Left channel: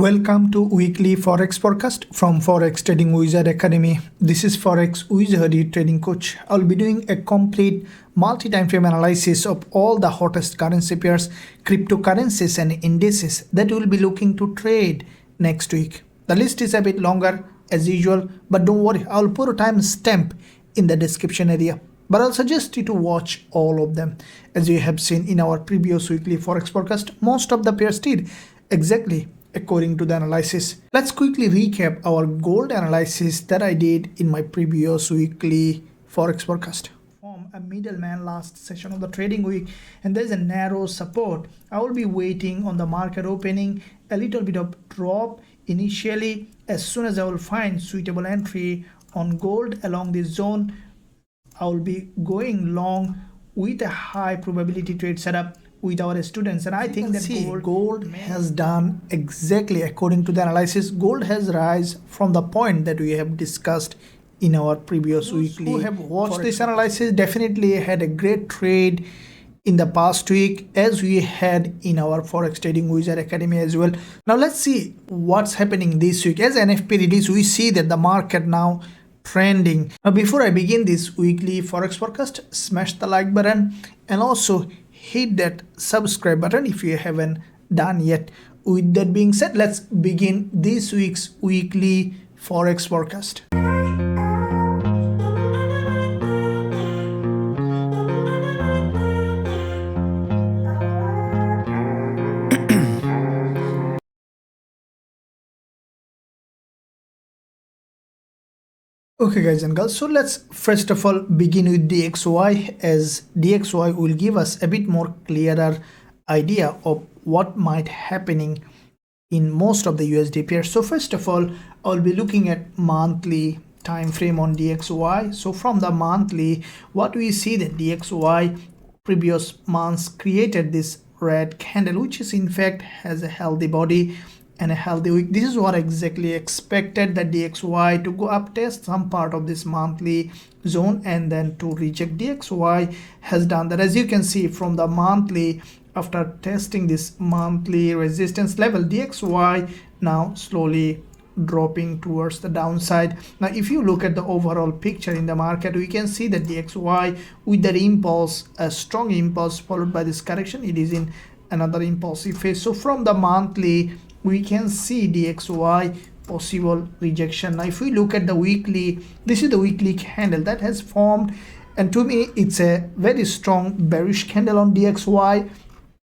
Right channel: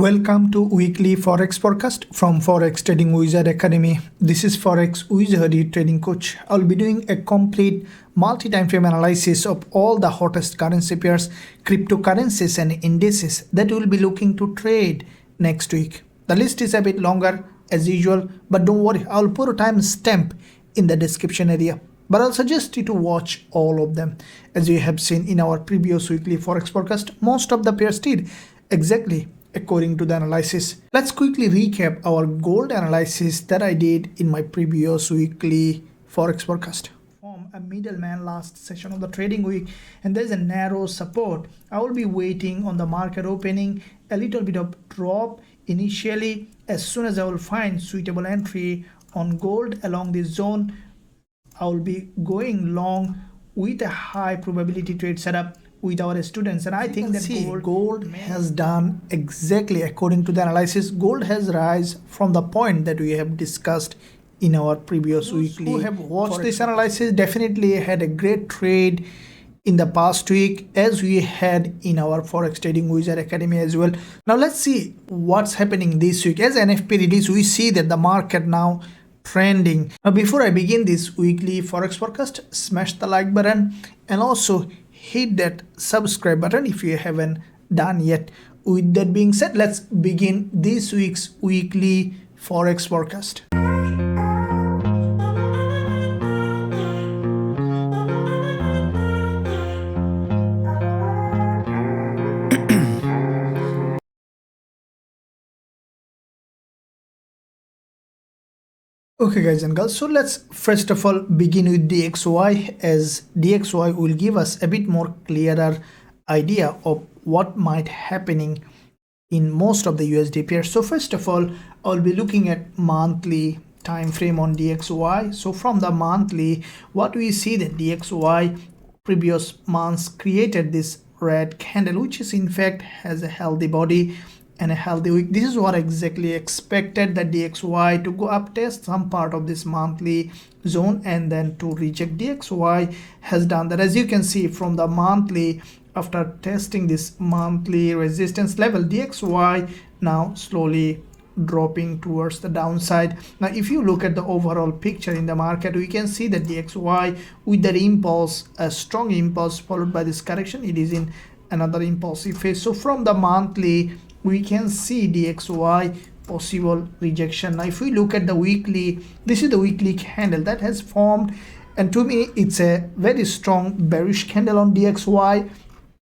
Welcome to weekly Forex forecast from Forex Trading Wizard Academy. This is Forex Wizard trading coach. I'll be doing a complete multi-time frame analysis of all the hottest currency pairs, cryptocurrencies and indices that we'll be looking to trade next week. The list is a bit longer as usual, but don't worry, I'll put a time stamp in the description area. But I'll suggest you to watch all of them. As you have seen in our previous weekly Forex forecast, most of the pairs did exactly according to the analysis. Let's quickly recap our gold analysis that I did in my previous weekly Forex forecast. From a middleman last session of the trading week, and there's a narrow support. I will be waiting on the market opening, a little bit of drop initially. As soon as I will find suitable entry on gold along this zone, I will be going long with a high probability trade setup with our students. And I think that gold has done exactly according to the analysis. Gold has rise from the point that we have discussed in our previous weekly. Who have watched this analysis definitely had a great trade in the past week, as we had in our Forex Trading Wizard Academy as well. Now let's see what's happening this week. As NFP release, we see that the market now trending. Now before I begin this weekly Forex forecast, smash the like button and also hit that subscribe button if you haven't done yet. With that being said, let's begin this week's weekly Forex forecast. Okay guys and girls, so let's first of all begin with DXY, as DXY will give us a bit more clearer idea of what might happening in most of the USD pairs. So first of all, I'll be looking at monthly time frame on DXY. So from the monthly, what we see that DXY previous months created this red candle, which is in fact has a healthy body and a healthy week. This is what exactly expected, the DXY to go up, test some part of this monthly zone and then to reject. DXY has done that. As you can see from the monthly, after testing this monthly resistance level, DXY now slowly dropping towards the downside. Now if you look at the overall picture in the market, we can see that DXY with that impulse, a strong impulse followed by this correction, it is in another impulsive phase. So from the monthly, we can see DXY possible rejection. Now if we look at the weekly, this is the weekly candle that has formed, and to me it's a very strong bearish candle on DXY.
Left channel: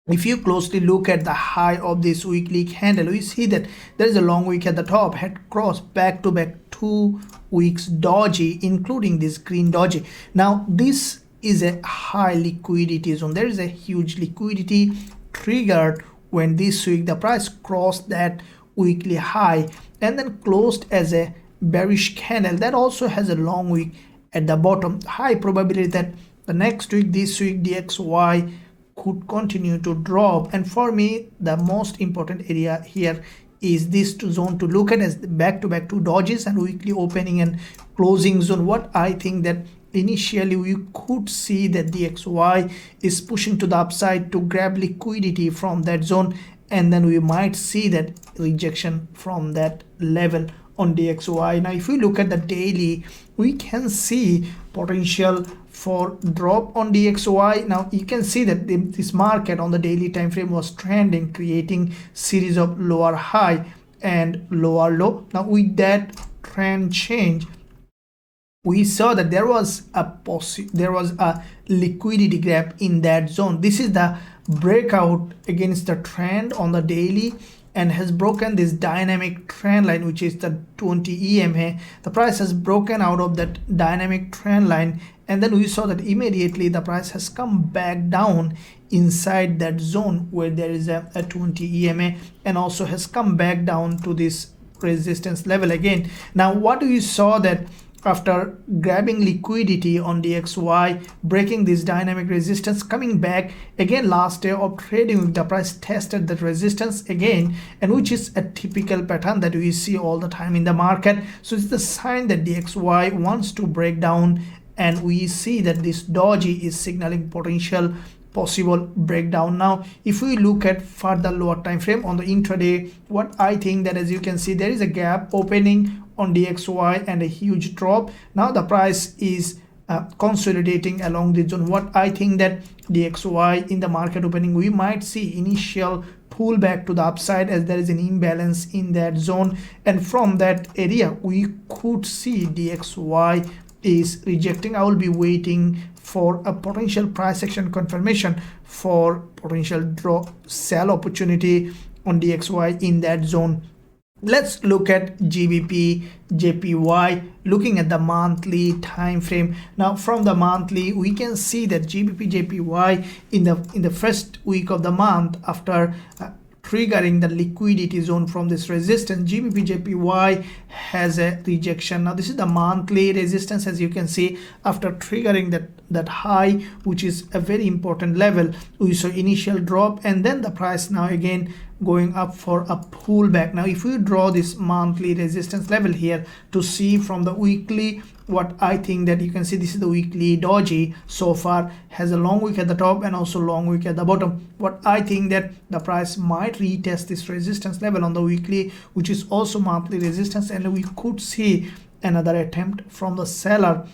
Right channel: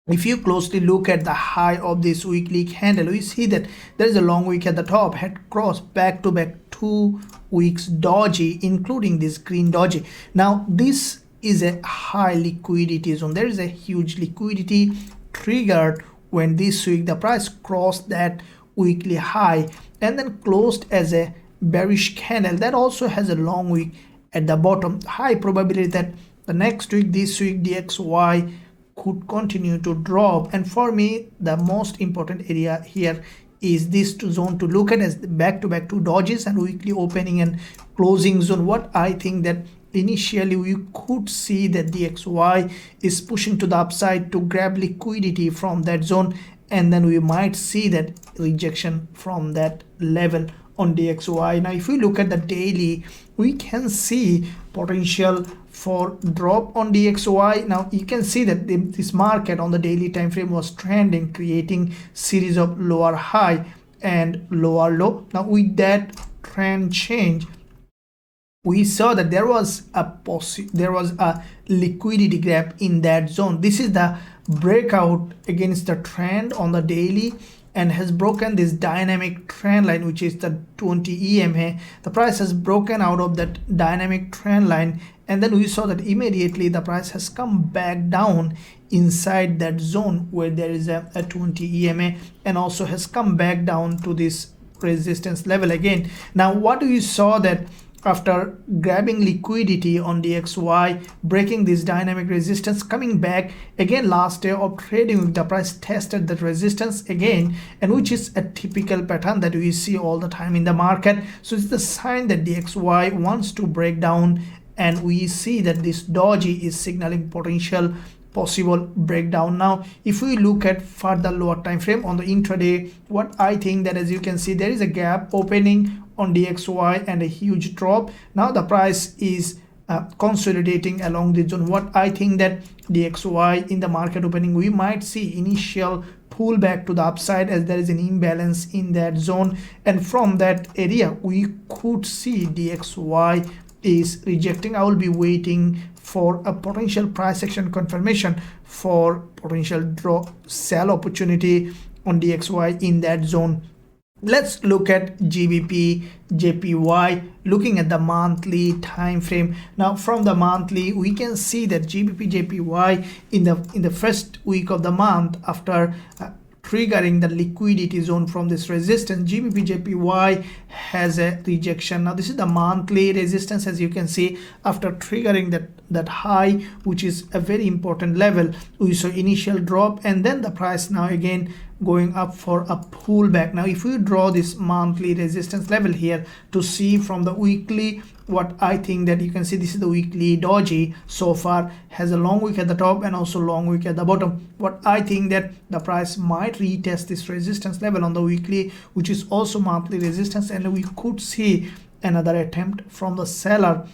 If you closely look at the high of this weekly candle, we see that there is a long wick at the top, had crossed back to back 2 weeks doji, including this green doji. Now this is a high liquidity zone. There is a huge liquidity triggered when this week the price crossed that weekly high and then closed as a bearish candle that also has a long wick at the bottom. High probability that the next week, this week, DXY could continue to drop. And for me, the most important area here is this zone to look at as the back-to-back 2 dojis and weekly opening and closing zone. What I think that initially we could see that DXY is pushing to the upside to grab liquidity from that zone, and then we might see that rejection from that level on DXY. Now if we look at the daily, we can see potential for drop on DXY. Now you can see that this market on the daily time frame was trending, creating series of lower high and lower low. Now with that trend change, we saw that there was a liquidity gap in that zone. This is the breakout against the trend on the daily and has broken this dynamic trend line, which is the 20 EMA. The price has broken out of that dynamic trend line, and then we saw that immediately the price has come back down inside that zone where there is a 20 EMA, and also has come back down to this resistance level again. Now what we saw that after grabbing liquidity on DXY, breaking this dynamic resistance, coming back again last day of trading, the price tested that resistance again, and which is a typical pattern that we see all the time in the market. So it's the sign that DXY wants to break down, and we see that this doji is signaling potential possible breakdown. Now if we look at further lower time frame on the intraday, what I think that, as you can see, there is a gap opening on DXY and a huge drop. Now the price is consolidating along the zone. What I think that DXY in the market opening, we might see initial pullback to the upside as there is an imbalance in that zone, and from that area we could see DXY is rejecting. I will be waiting for a potential price action confirmation for potential drop sell opportunity on DXY in that zone. Let's look at GBPJPY, looking at the monthly time frame. Now from the monthly, we can see that GBPJPY in the first week of the month, after triggering the liquidity zone from this resistance, GBPJPY has a rejection. Now this is the monthly resistance. As you can see, after triggering that high, which is a very important level, we saw initial drop, and then the price now again going up for a pullback. Now if we draw this monthly resistance level here to see from the weekly, what I think that you can see, this is the weekly doji so far, has a long wick at the top and also long wick at the bottom. What I think that the price might retest this resistance level on the weekly, which is also monthly resistance, and we could see another attempt from the seller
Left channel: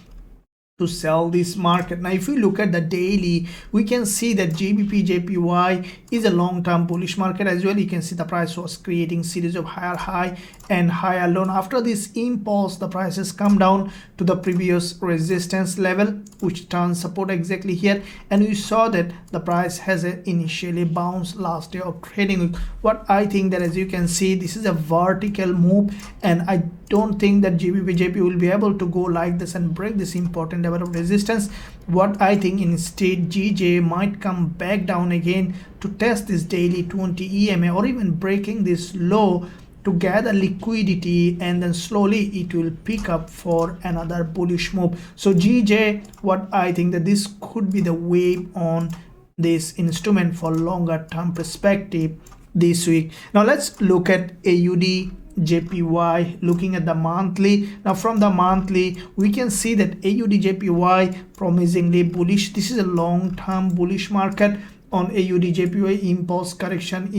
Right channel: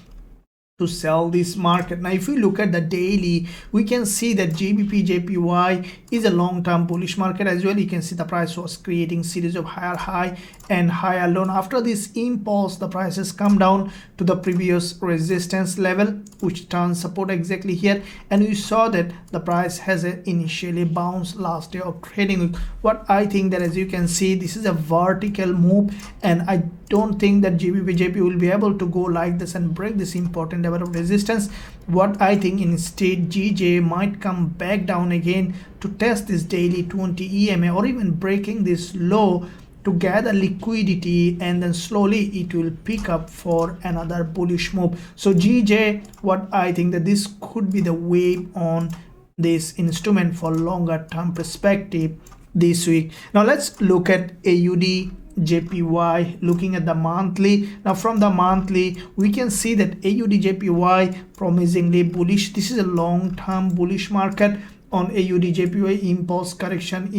to sell this market. Now if we look at the daily, we can see that GBPJPY is a long-term bullish market as well. You can see the price was creating series of higher high and higher low. After this impulse, the price has come down to the previous resistance level, which turns support exactly here, and we saw that the price has initially bounced last day of trading. What I think that, as you can see, this is a vertical move, and I don't think that GBPJPY will be able to go like this and break this important level of resistance. What I think, instead, GJ might come back down again to test this daily 20 EMA, or even breaking this low to gather liquidity, and then slowly it will pick up for another bullish move. So GJ, what I think that this could be the wave on this instrument for longer term perspective this week. Now let's look at AUDJPY, looking at the monthly. Now from the monthly, we can see that AUDJPY promisingly bullish. This is a long-term bullish market on AUDJPY. Impulse correction.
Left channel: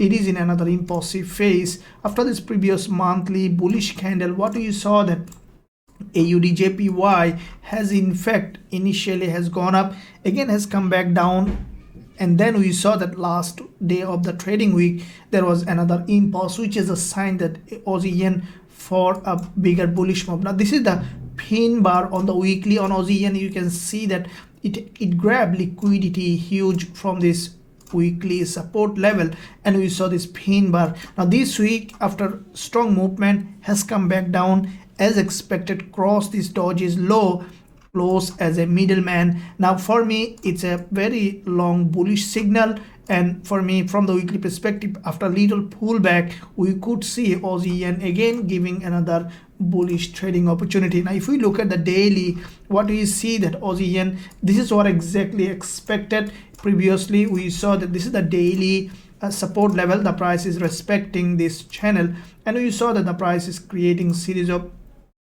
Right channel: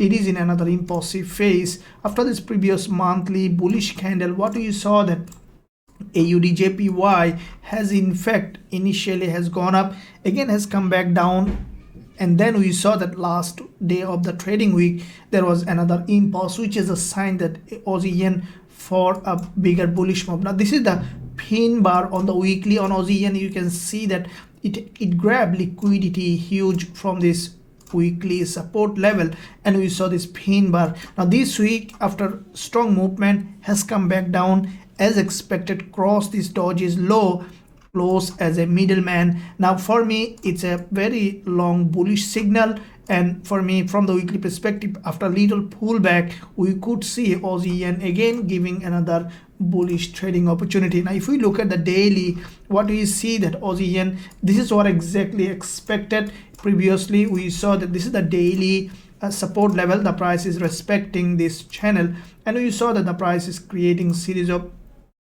It is in another impulsive phase. After this previous monthly bullish candle, what we saw that AUDJPY has in fact initially has gone up, again has come back down, and then we saw that last day of the trading week there was another impulse, which is a sign that Aussie yen for a bigger bullish move. Now this is the pin bar on the weekly on Aussie yen. You can see that it grabbed liquidity huge from this weekly support level, and we saw this pin bar. Now this week, after strong movement, has come back down as expected, cross this doji's low, close as a middleman. Now for me, it's a very long bullish signal, and for me, from the weekly perspective, after little pullback, we could see Aussie yen again giving another bullish trading opportunity. Now if we look at the daily, what we see that Aussie yen, this is what exactly expected. Previously we saw that this is the daily support level, the price is respecting this channel, and we saw that the price is creating series of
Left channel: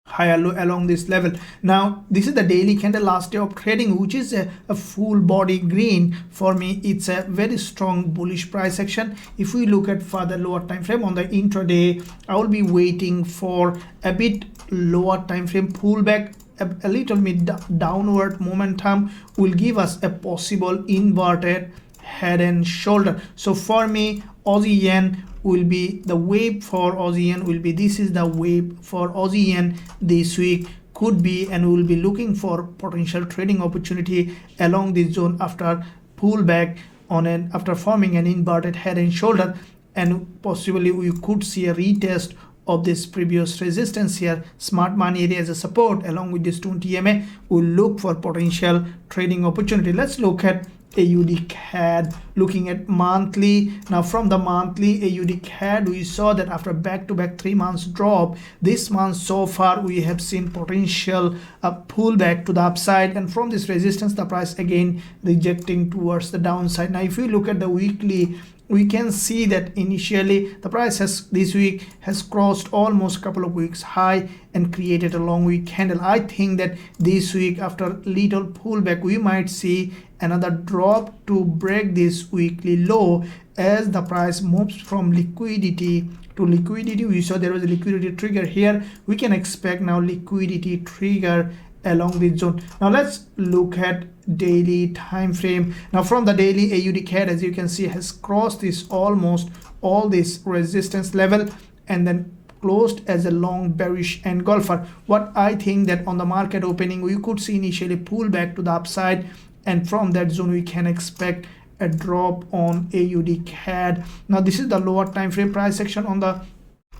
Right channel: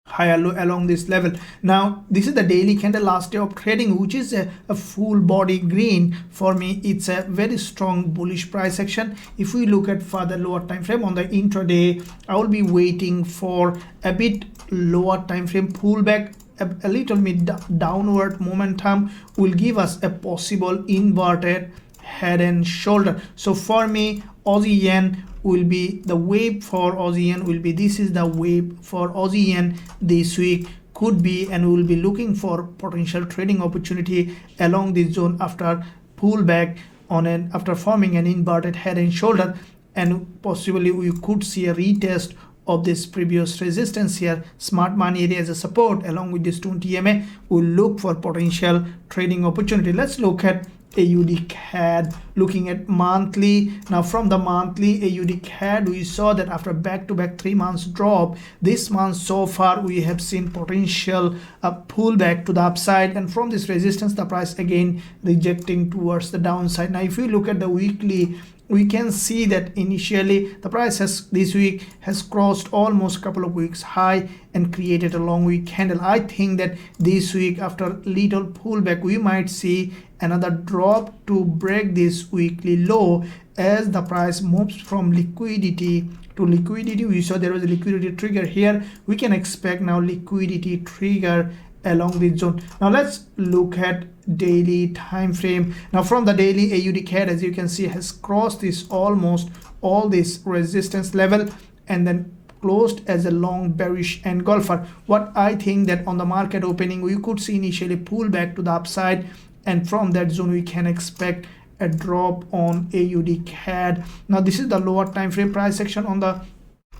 higher low along this level. Now this is the daily candle last day of trading, which is a full body green. For me, it's a very strong bullish price action. If we look at further lower time frame on the intraday, I will be waiting for a bit lower time frame pullback. A little bit downward momentum will give us a possible inverted head and shoulder. So for me, Aussie yen will be the wave for Aussie yen will be, this is the wave for Aussie yen this week, could be, and we will be looking for potential trading opportunity along this zone after pullback on an, after forming an inverted head and shoulder, and possibly we could see a retest of this previous resistance here. Smart money area as a support along with this 20 EMA. We'll look for potential trading opportunity. Let's look at AUDCAD, looking at monthly. Now from the monthly AUDCAD, we saw that after back-to-back 3 months drop, this month so far we have seen potential pullback to the upside, and from this resistance the price again rejecting towards the downside. Now if we look at the weekly, we can see that initially the price has this week has crossed almost a couple of weeks high and created a long week candle. I think that this week, after little pullback, we might see another drop to break this weekly low as the price moves from liquidity to liquidity. We saw there was a liquidity trigger here. We can expect now liquidity trigger along the zone. Now let's look at daily time frame. Now from the daily, AUDCAD, as you can see, has crossed this almost all this resistance level and then closed as a long bearish engulfer. What I think that on the market opening, we could see initially pull back to the upside, and from that zone we can expect a drop on AUDCAD. Now this is the lower time frame price action. On the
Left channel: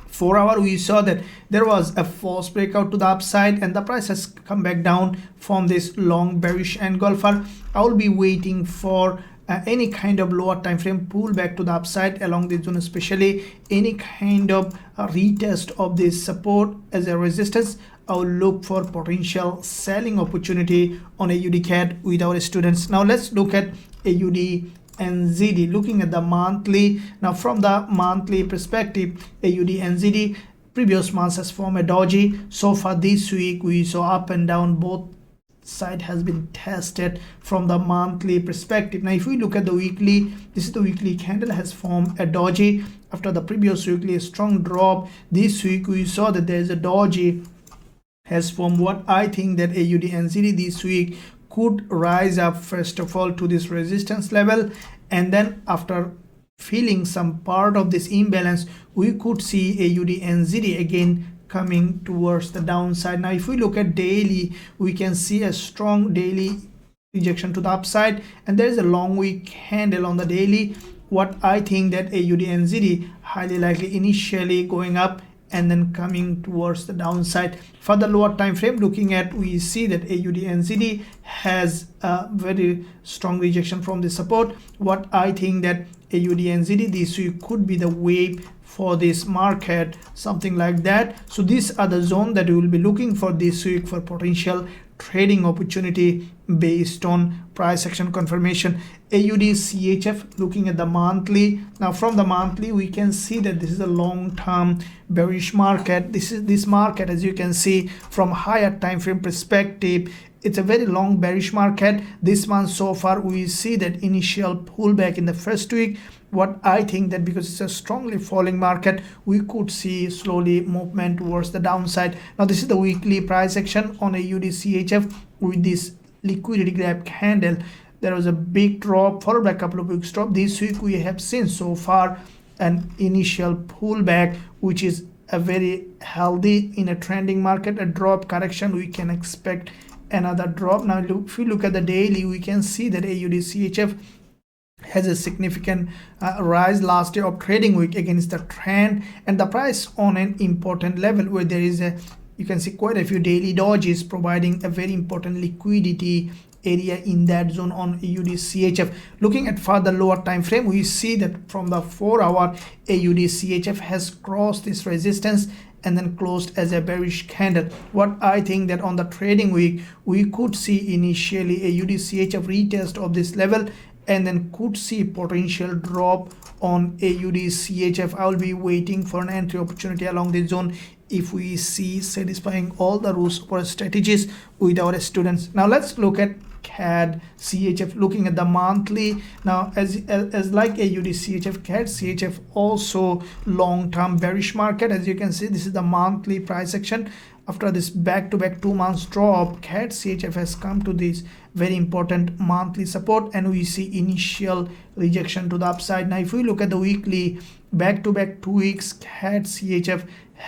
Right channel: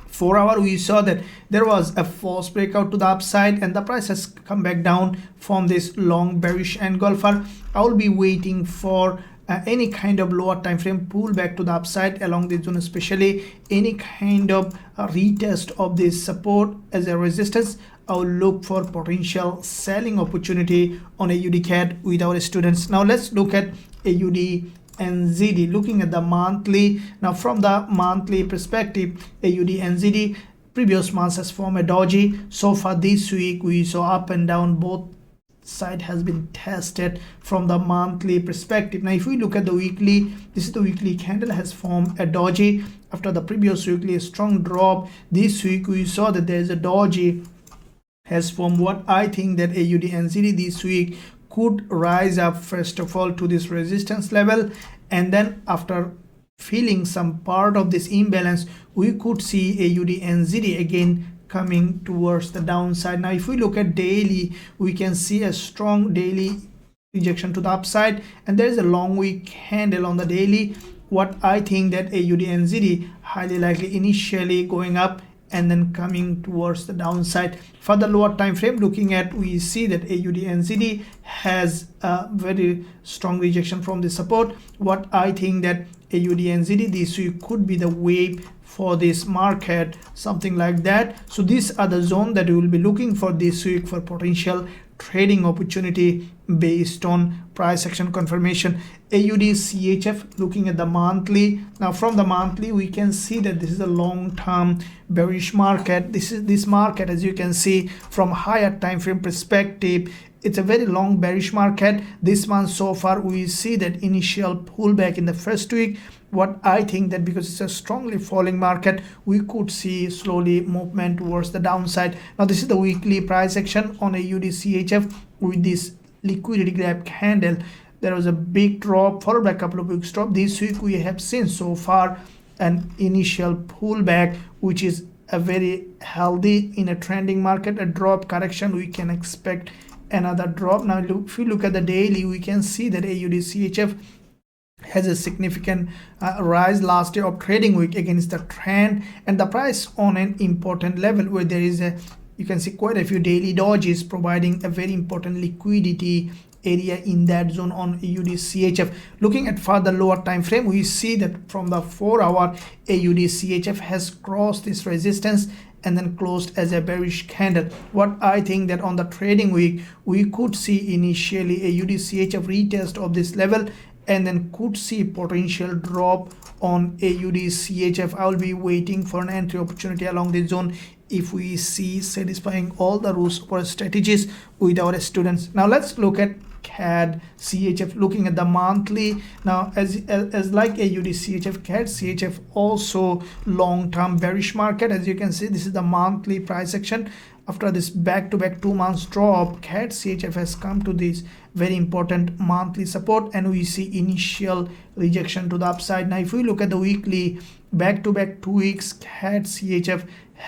4 hour, we saw that there was a false breakout to the upside and the price has come back down from this long bearish engulfer. I will be waiting for any kind of lower time frame pullback to the upside along this zone, especially any kind of retest of this support as a resistance. I will look for potential selling opportunity on AUDCAD with our students. Now let's look at AUDNZD, looking at the monthly. Now from the monthly perspective, AUDNZD previous months has formed a doji. So far this week we saw up and down, both side has been tested from the monthly perspective. Now if we look at the weekly, this is the weekly candle has formed a doji after the previous weekly a strong drop. This week we saw that there is a doji has formed. What I think that AUDNZD this week could rise up first of all to this resistance level, and then after feeling some part of this imbalance, we could see AUDNZD again coming towards the downside. Now if we look at daily, we can see a strong daily rejection to the upside, and there is a long week candle on the daily. What I think that AUDNZD highly likely initially going up and then coming towards the downside. For the lower time frame looking at, we see that AUDNZD has a very strong rejection from the support. What I think that AUDNZD this week could be the wave for this market, something like that. So these are the zone that we will be looking for this week for potential trading opportunity based on price action confirmation. AUDCHF, looking at the monthly. Now from the monthly we can see that this is a long-term bearish market. This market, as you can see from higher time frame perspective, it's a very long bearish market. This month so far we see that initial pullback in the first week. What I think that because it's a strongly falling market, we could see slowly movement towards the downside. Now this is the weekly price action on AUDCHF with this liquidity gap candle. There was a big drop followed by a couple of weeks drop. This week we have seen so far an initial pullback, which is a very healthy in a trending market. A drop correction, we can expect another drop. Now if we look at the daily, we can see that AUDCHF has a significant rise last day of trading week against the trend, and the price on an important level where there is a, you can see quite a few daily dojis providing a very important liquidity area in that zone on AUDCHF. Looking at further lower time frame, we see that from the 4 hour, AUDCHF has crossed this resistance and then closed as a bearish candle. What I think that on the trading week, we could see initially AUDCHF retest of this level and then could see potential drop on AUDCHF. I will be waiting for an entry opportunity along this zone if we see satisfying all the rules or strategies with our students. Now let's look at CADCHF, looking at the monthly. Now as like AUDCHF, CADCHF also long-term bearish market. As you can see, this is the monthly price action. After this back-to-back 2 months drop, CADCHF has come to this very important monthly support, and we see initial rejection to the upside. Now if we look at the weekly, back-to-back 2 weeks, CADCHF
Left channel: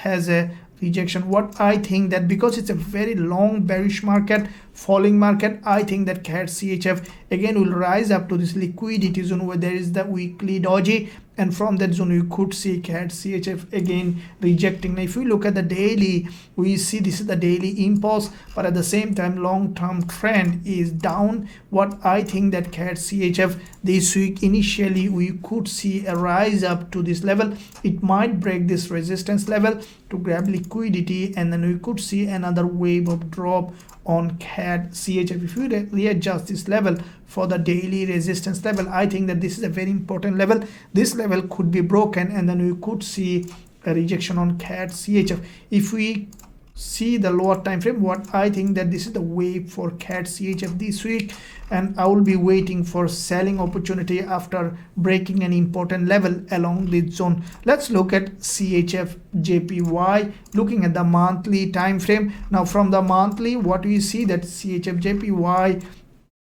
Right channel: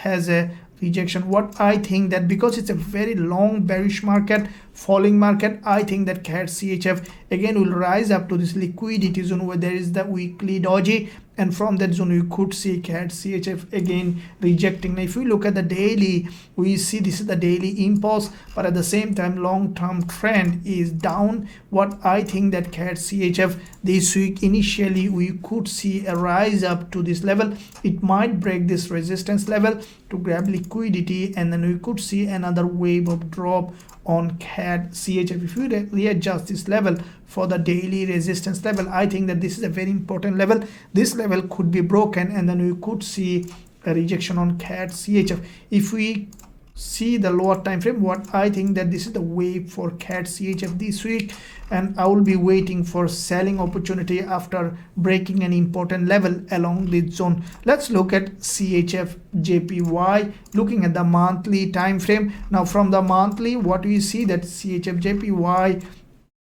has a rejection. What I think that because it's a very long bearish market, falling market, I think that CADCHF again will rise up to this liquidity zone where there is the weekly doji, and from that zone you could see CADCHF again rejecting. Now if we look at the daily, we see this is the daily impulse, but at the same time long-term trend is down. What I think that CADCHF this week initially we could see a rise up to this level. It might break this resistance level to grab liquidity, and then we could see another wave of drop on CADCHF. If we readjust this level for the daily resistance level. I think that this is a very important level. This level could be broken and then we could see a rejection on CADCHF. If we see the lower time frame, what I think that this is the wave for CADCHF this week, and I will be waiting for selling opportunity after breaking an important level along this zone. Let's look at CHFJPY, looking at the monthly time frame. Now from the monthly, what we see that CHFJPY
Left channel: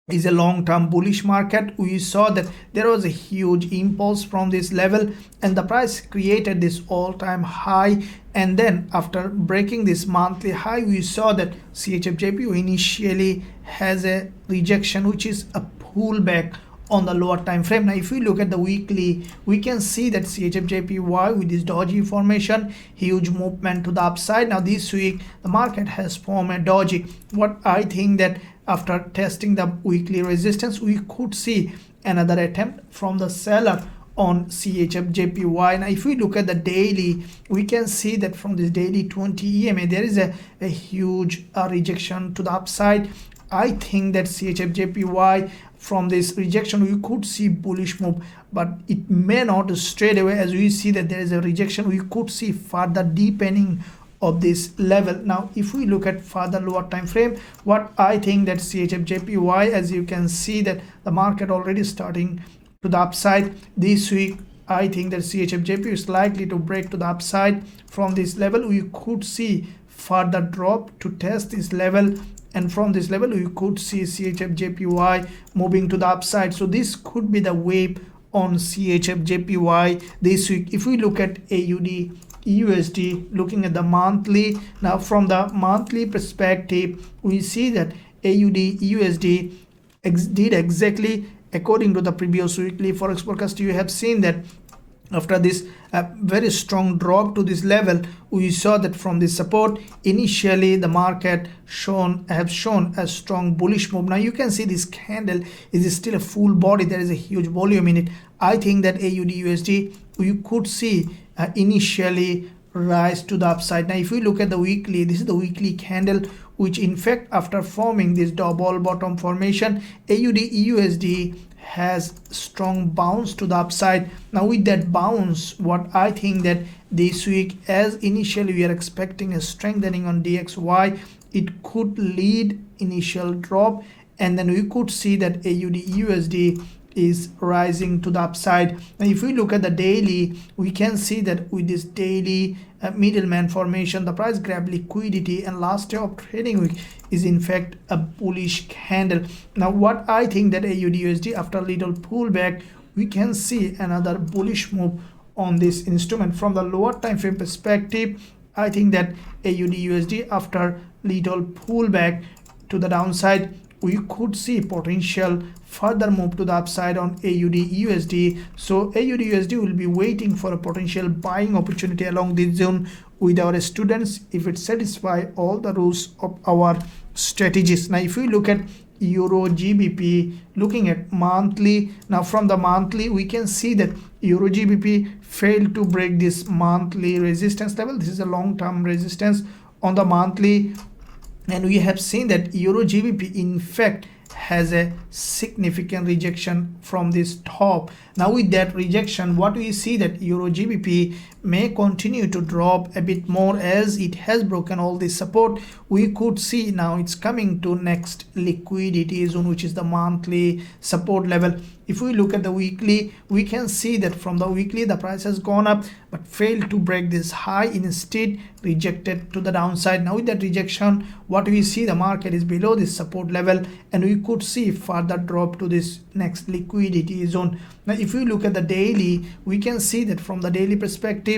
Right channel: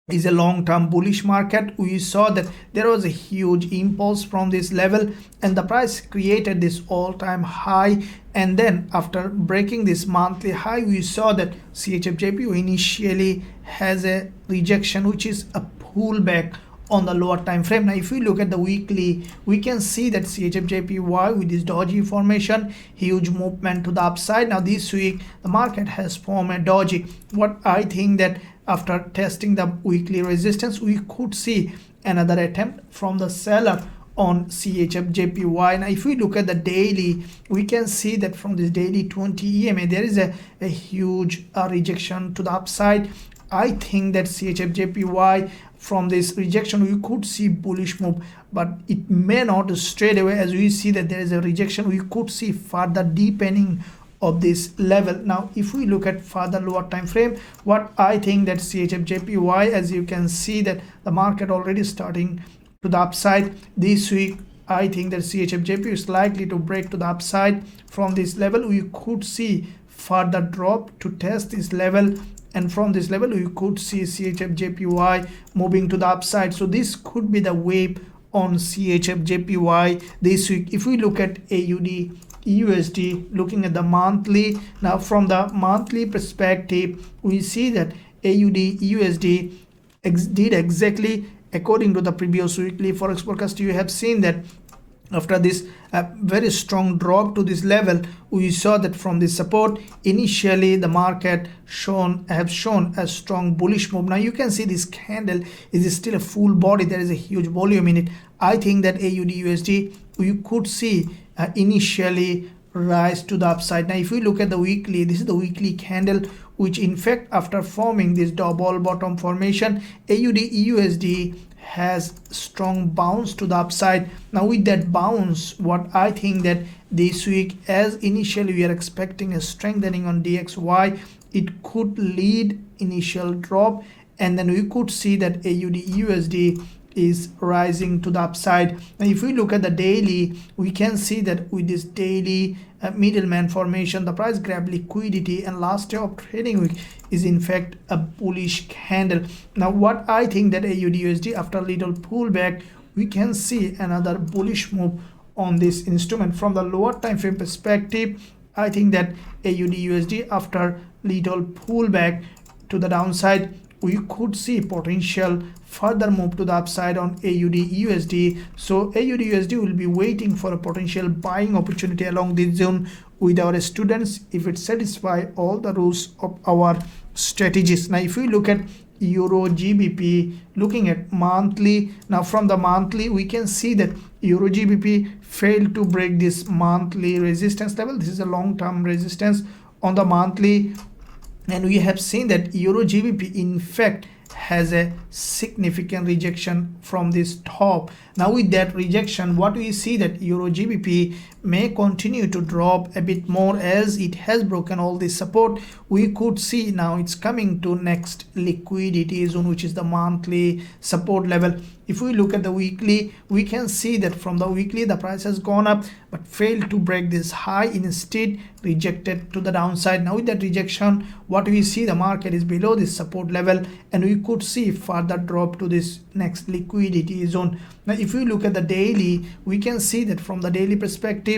is a long-term bullish market. We saw that there was a huge impulse from this level and the price created this all-time high, and then after breaking this monthly high we saw that CHFJPY initially has a rejection, which is a pullback on the lower time frame. Now if we look at the weekly, we can see that CHFJPY with this doji formation, huge movement to the upside. Now this week the market has formed a doji. What I think that after testing the weekly resistance, we could see another attempt from the seller on CHFJPY. Now if we look at the daily, we can see that from this daily 20 EMA there is a huge rejection to the upside. I think that CHFJPY, from this rejection we could see bullish move, but it may not straight away. As we see that there is a rejection, we could see further deepening of this level. Now if we look at further lower time frame, what I think that CHFJPY, as you can see that the market already starting to the upside this week, I think that CHFJPY is likely to break to the upside. From this level we could see further drop to test this level, and from this level we could see CHFJPY moving to the upside. So this could be the wave on CHFJPY this week. If we look at AUDUSD, looking at the monthly, now from the monthly perspective we see that AUDUSD did exactly according to the previous weekly forex forecast. You have seen that after this very strong drop to this level, we saw that from this support initially the market have shown a strong bullish move. Now you can see this candle is still a full body, there is a huge volume in it. I think that AUDUSD you could see initially rise to the upside. Now if we look at the weekly, this is the weekly candle, which in fact after forming this double bottom formation, AUDUSD has strong bounce to the upside. Now with that bounce, what I think that this week, as initially we are expecting a strengthening on DXY, it could lead initial drop, and then we could see that AUDUSD is rising to the upside. If we look at the daily, we can see that with this daily middleman formation, the price grab liquidity, and last day of trading week is in fact a bullish candle. Now what I think that AUDUSD, after a little pullback, we can see another bullish move on this instrument. From the lower time frame perspective, I think that AUDUSD, after little pullback to the downside, we could see potential further move to the upside on AUDUSD. So AUDUSD will be waiting for a potential buying opportunity along this zone with our students if it satisfies all the rules of our strategies. Now if we look at EURGBP, looking at monthly, now from the monthly we can see that EURGBP failed to break this monthly resistance level. This is a long-term resistance on the monthly, and we have seen that EURGBP in fact has a significant rejection from this top. Now with that rejection, what we see that EURGBP may continue to drop a bit more as it has broken all this support. We could see now it's coming to next liquidity zone, which is the monthly support level. If we look at the weekly, we can see that from the weekly the price has gone up but failed to break this high, instead rejected to the downside. Now with that rejection, what we see, the market is below this support level and we could see further drop to this next liquidity zone. Now if we look at the daily, we can see that from the daily perspective,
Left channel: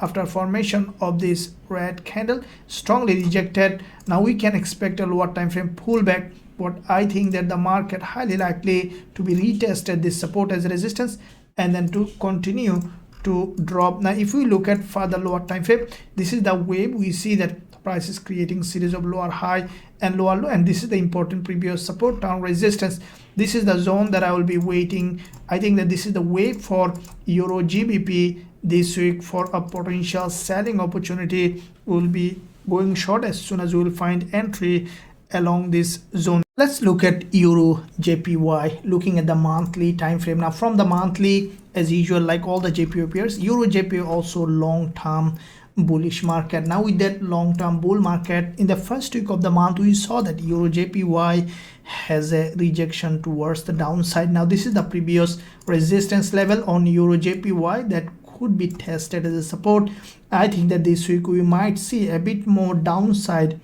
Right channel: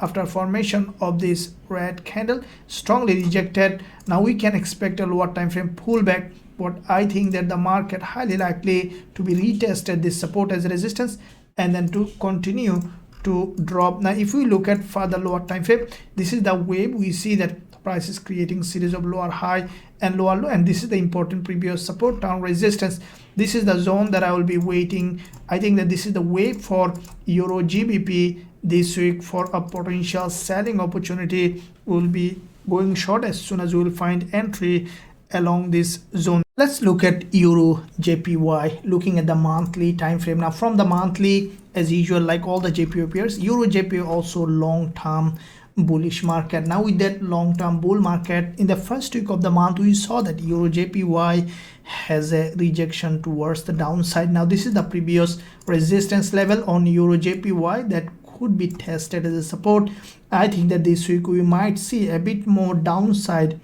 after formation of this red candle, strongly rejected. Now we can expect a lower time frame pullback. What I think that the market highly likely to be retested this support as a resistance and then to continue to drop. Now if we look at further lower time frame, this is the wave. We see that the price is creating series of lower high and lower low, and this is the important previous support down resistance. This is the zone that I will be waiting. I think that this is the wave for EURGBP this week for a potential selling opportunity. Will be going short as soon as we will find entry along this zone. Let's look at EURJPY, looking at the monthly time frame. Now from the monthly, as usual, like all the JPY pairs, EURJPY also long-term bullish market. Now with that long-term bull market, in the first week of the month we saw that EURJPY has a rejection towards the downside. Now this is the previous resistance level on EURJPY that could be tested as a support. I think that this week we might see a bit more downside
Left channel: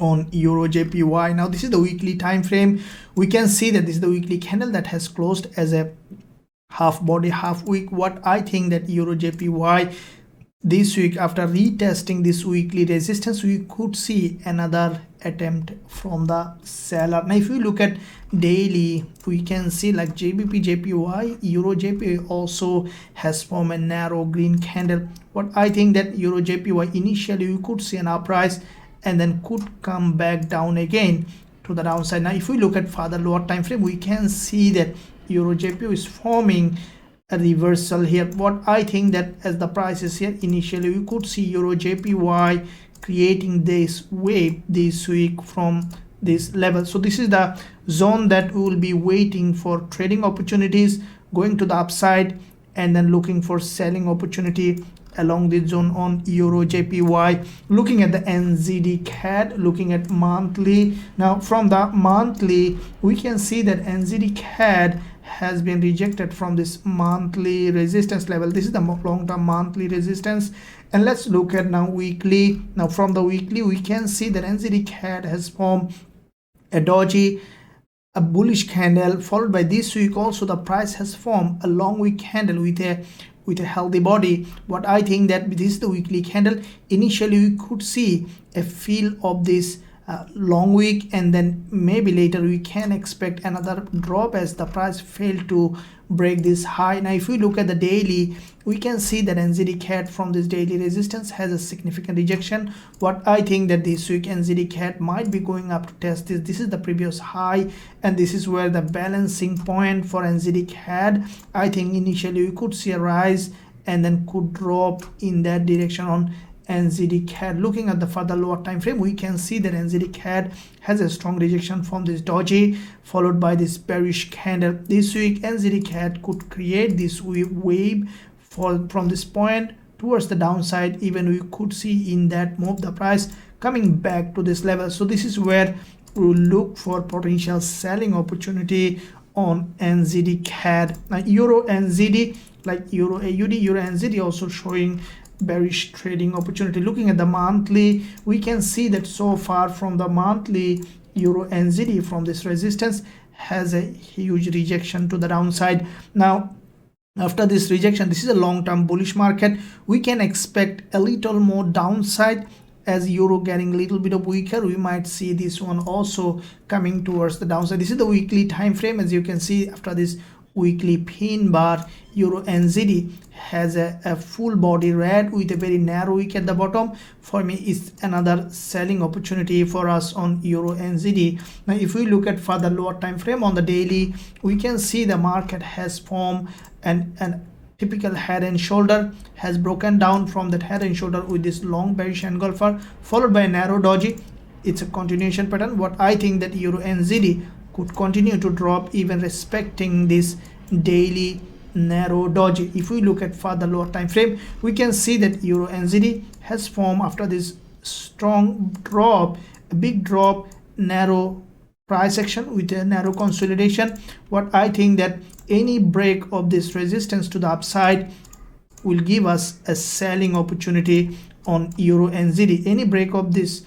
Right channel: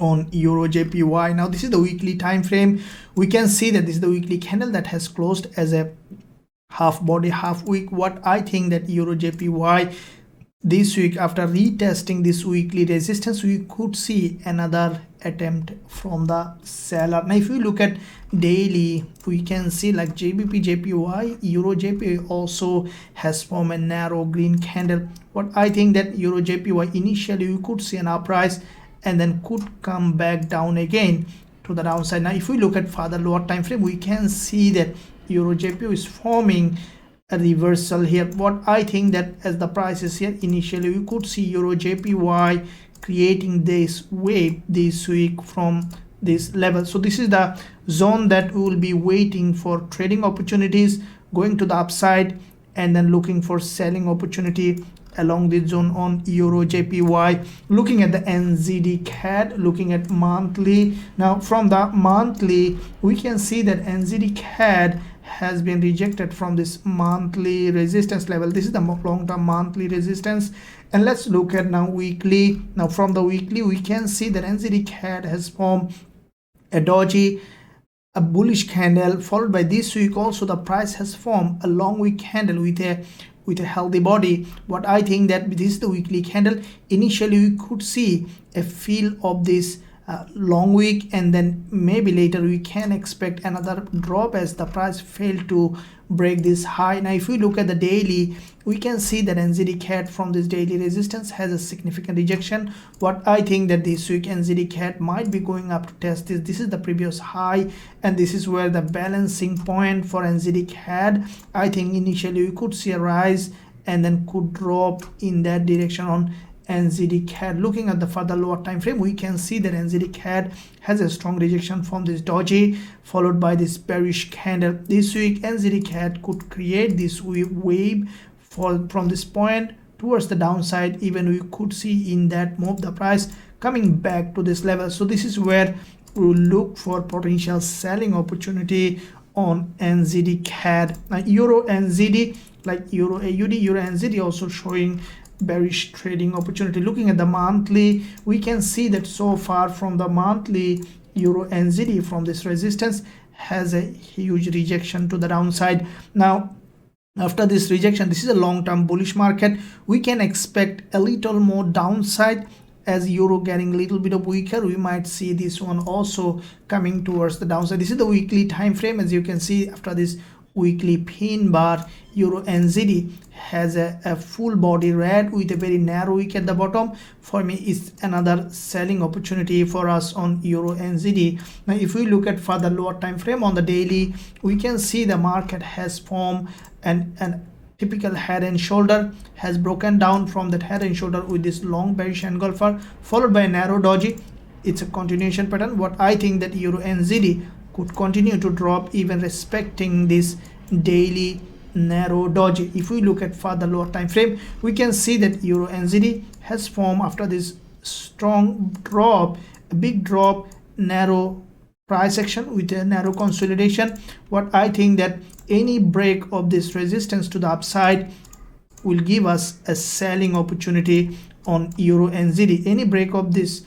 on EURJPY. Now this is the weekly time frame. We can see that this is the weekly candle that has closed as a half body, half week. What I think that EURJPY this week, after retesting this weekly resistance, we could see another attempt from the seller. Now if we look at daily, we can see like GBPJPY, EURJPY also has formed a narrow green candle. What I think that EURJPY initially we could see an uprise and then could come back down again to the downside. Now if we look at further lower time frame, we can see that EURJPY is forming a reversal here. What I think that as the price is here, initially we could see EURJPY creating this wave this week from this level. So this is the zone that we will be waiting for trading opportunities, going to the upside and then looking for selling opportunity along this zone on EURJPY. Looking at the NZDCAD, looking at monthly. Now from the monthly, we can see that NZDCAD has been rejected from this monthly resistance level. This is the long-term monthly resistance. And let's look at now weekly. Now from the weekly, we can see that NZDCAD has formed a bullish candle, followed by this week also the price has formed a long wick candle with a healthy body. What I think that this is the weekly candle. Initially we could see a feel of this long wick, and then maybe later we can expect another drop as the price failed to break this high. Now if we look at the daily, we can see that NZDCAD from this daily resistance has a significant rejection. What I think that this week NZDCAD might be going up to test this. This is the previous high and this is where the balancing point for NZDCAD. I think initially we could see a rise and then could drop in that direction on NZDCAD. Looking at the further lower time frame, we can see that NZDCAD has a strong rejection from this doji, followed by this bearish candle. This week NZDCAD could create this wave fall from this point towards the downside. Even we could see in that move the price coming back to this level. So this is where we will look for potential selling opportunity on NZDCAD. EURNZD, like EURAUD, EURNZD also showing bearish trading opportunity. Looking at the monthly, we can see that so far from the monthly, EURNZD from this resistance has a huge rejection to the downside. Now after this rejection, this is a long-term bullish market. We can expect a little more downside as euro getting a little bit of weaker. We might see this one also coming towards the downside. This is the weekly time frame. As you can see, after this weekly pin bar, EURNZD has a full body red with a very narrow wick at the bottom. For me, it's another selling opportunity for us on EURNZD. Now if we look at further lower time frame on the daily, we can see the market has formed an typical head and shoulder, has broken down from that head and shoulder with this long bearish engulfer, followed by a narrow doji. It's a continuation pattern. What I think that EURNZD could continue to drop even respecting this daily narrow doji. If we look at further lower time frame, we can see that EURNZD has formed after this strong drop, a big drop, narrow price action with a narrow consolidation. What I think that any break of this resistance to the upside will give us a selling opportunity on EURNZD. Any break of this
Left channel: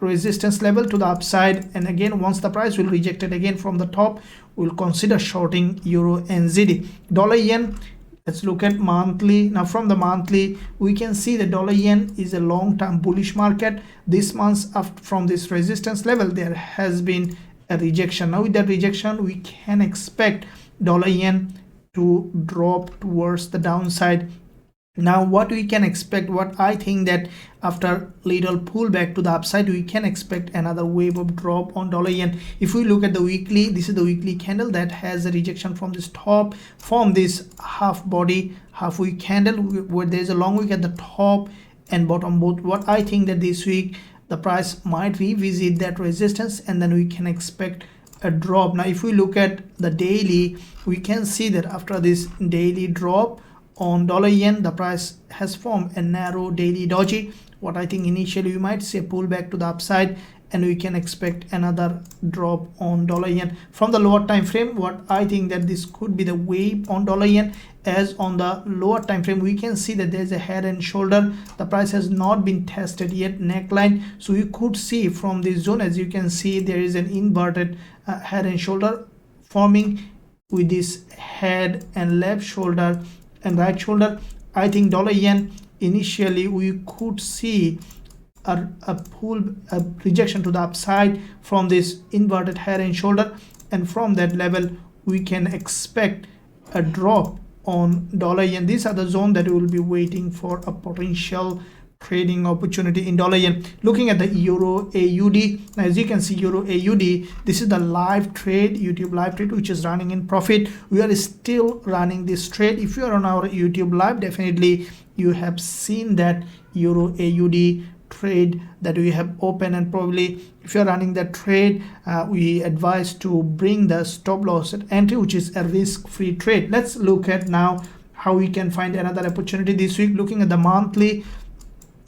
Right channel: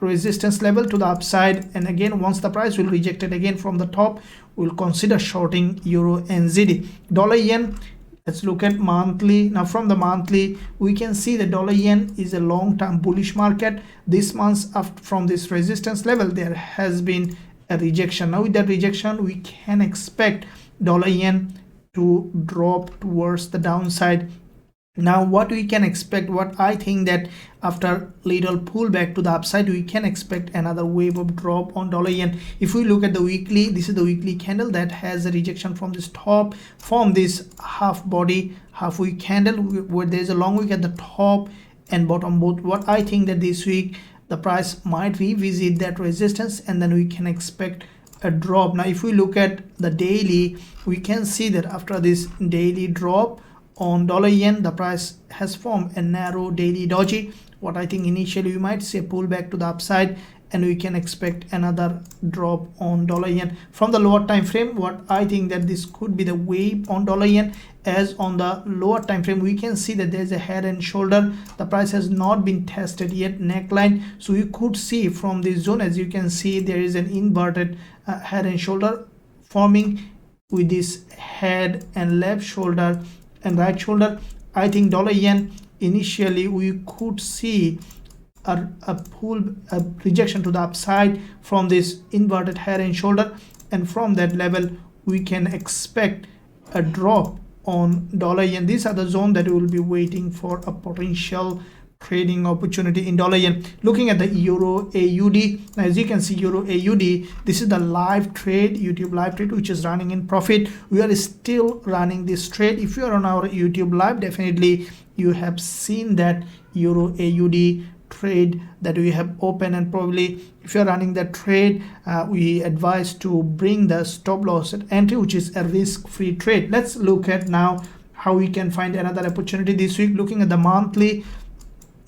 resistance level to the upside, and again once the price will reject it again from the top, we'll consider shorting EURNZD. Dollar yen, let's look at monthly. Now from the monthly, we can see the dollar yen is a long-term bullish market. This month from this resistance level, there has been a rejection. Now with that rejection, we can expect dollar yen to drop towards the downside. Now what we can expect, what I think that after little pullback to the upside, we can expect another wave of drop on dollar yen. If we look at the weekly, this is the weekly candle that has a rejection from this top, from this half body, half wick candle where there is a long wick at the top and bottom both. What I think that this week the price might revisit that resistance, and then we can expect a drop. Now if we look at the daily, we can see that after this daily drop on dollar yen, the price has formed a narrow daily doji. What I think initially we might see a pullback to the upside, and we can expect another drop on dollar yen. From the lower time frame, what I think that this could be the wave on dollar yen, as on the lower time frame we can see that there is a head and shoulder. The price has not been tested yet, neckline. So you could see from this zone, as you can see, there is an inverted head and shoulder forming with this head and left shoulder and right shoulder. I think dollar yen initially we could see a rejection to the upside from this inverted head and shoulder, and from that level we can expect a drop on dollar yen. These are the zone that we will be waiting for a potential trading opportunity in dollar yen. Looking at the euro AUD, as you can see, euro AUD, this is the live trade, YouTube live trade, which is running in profit. We are still running this trade. If you are on our YouTube live, definitely you have seen that euro AUD trade that we have open, and probably if you're running the trade, we advise to bring the stop loss at entry, which is a risk-free trade. Let's look at now how we can find another opportunity this week. Looking at the monthly,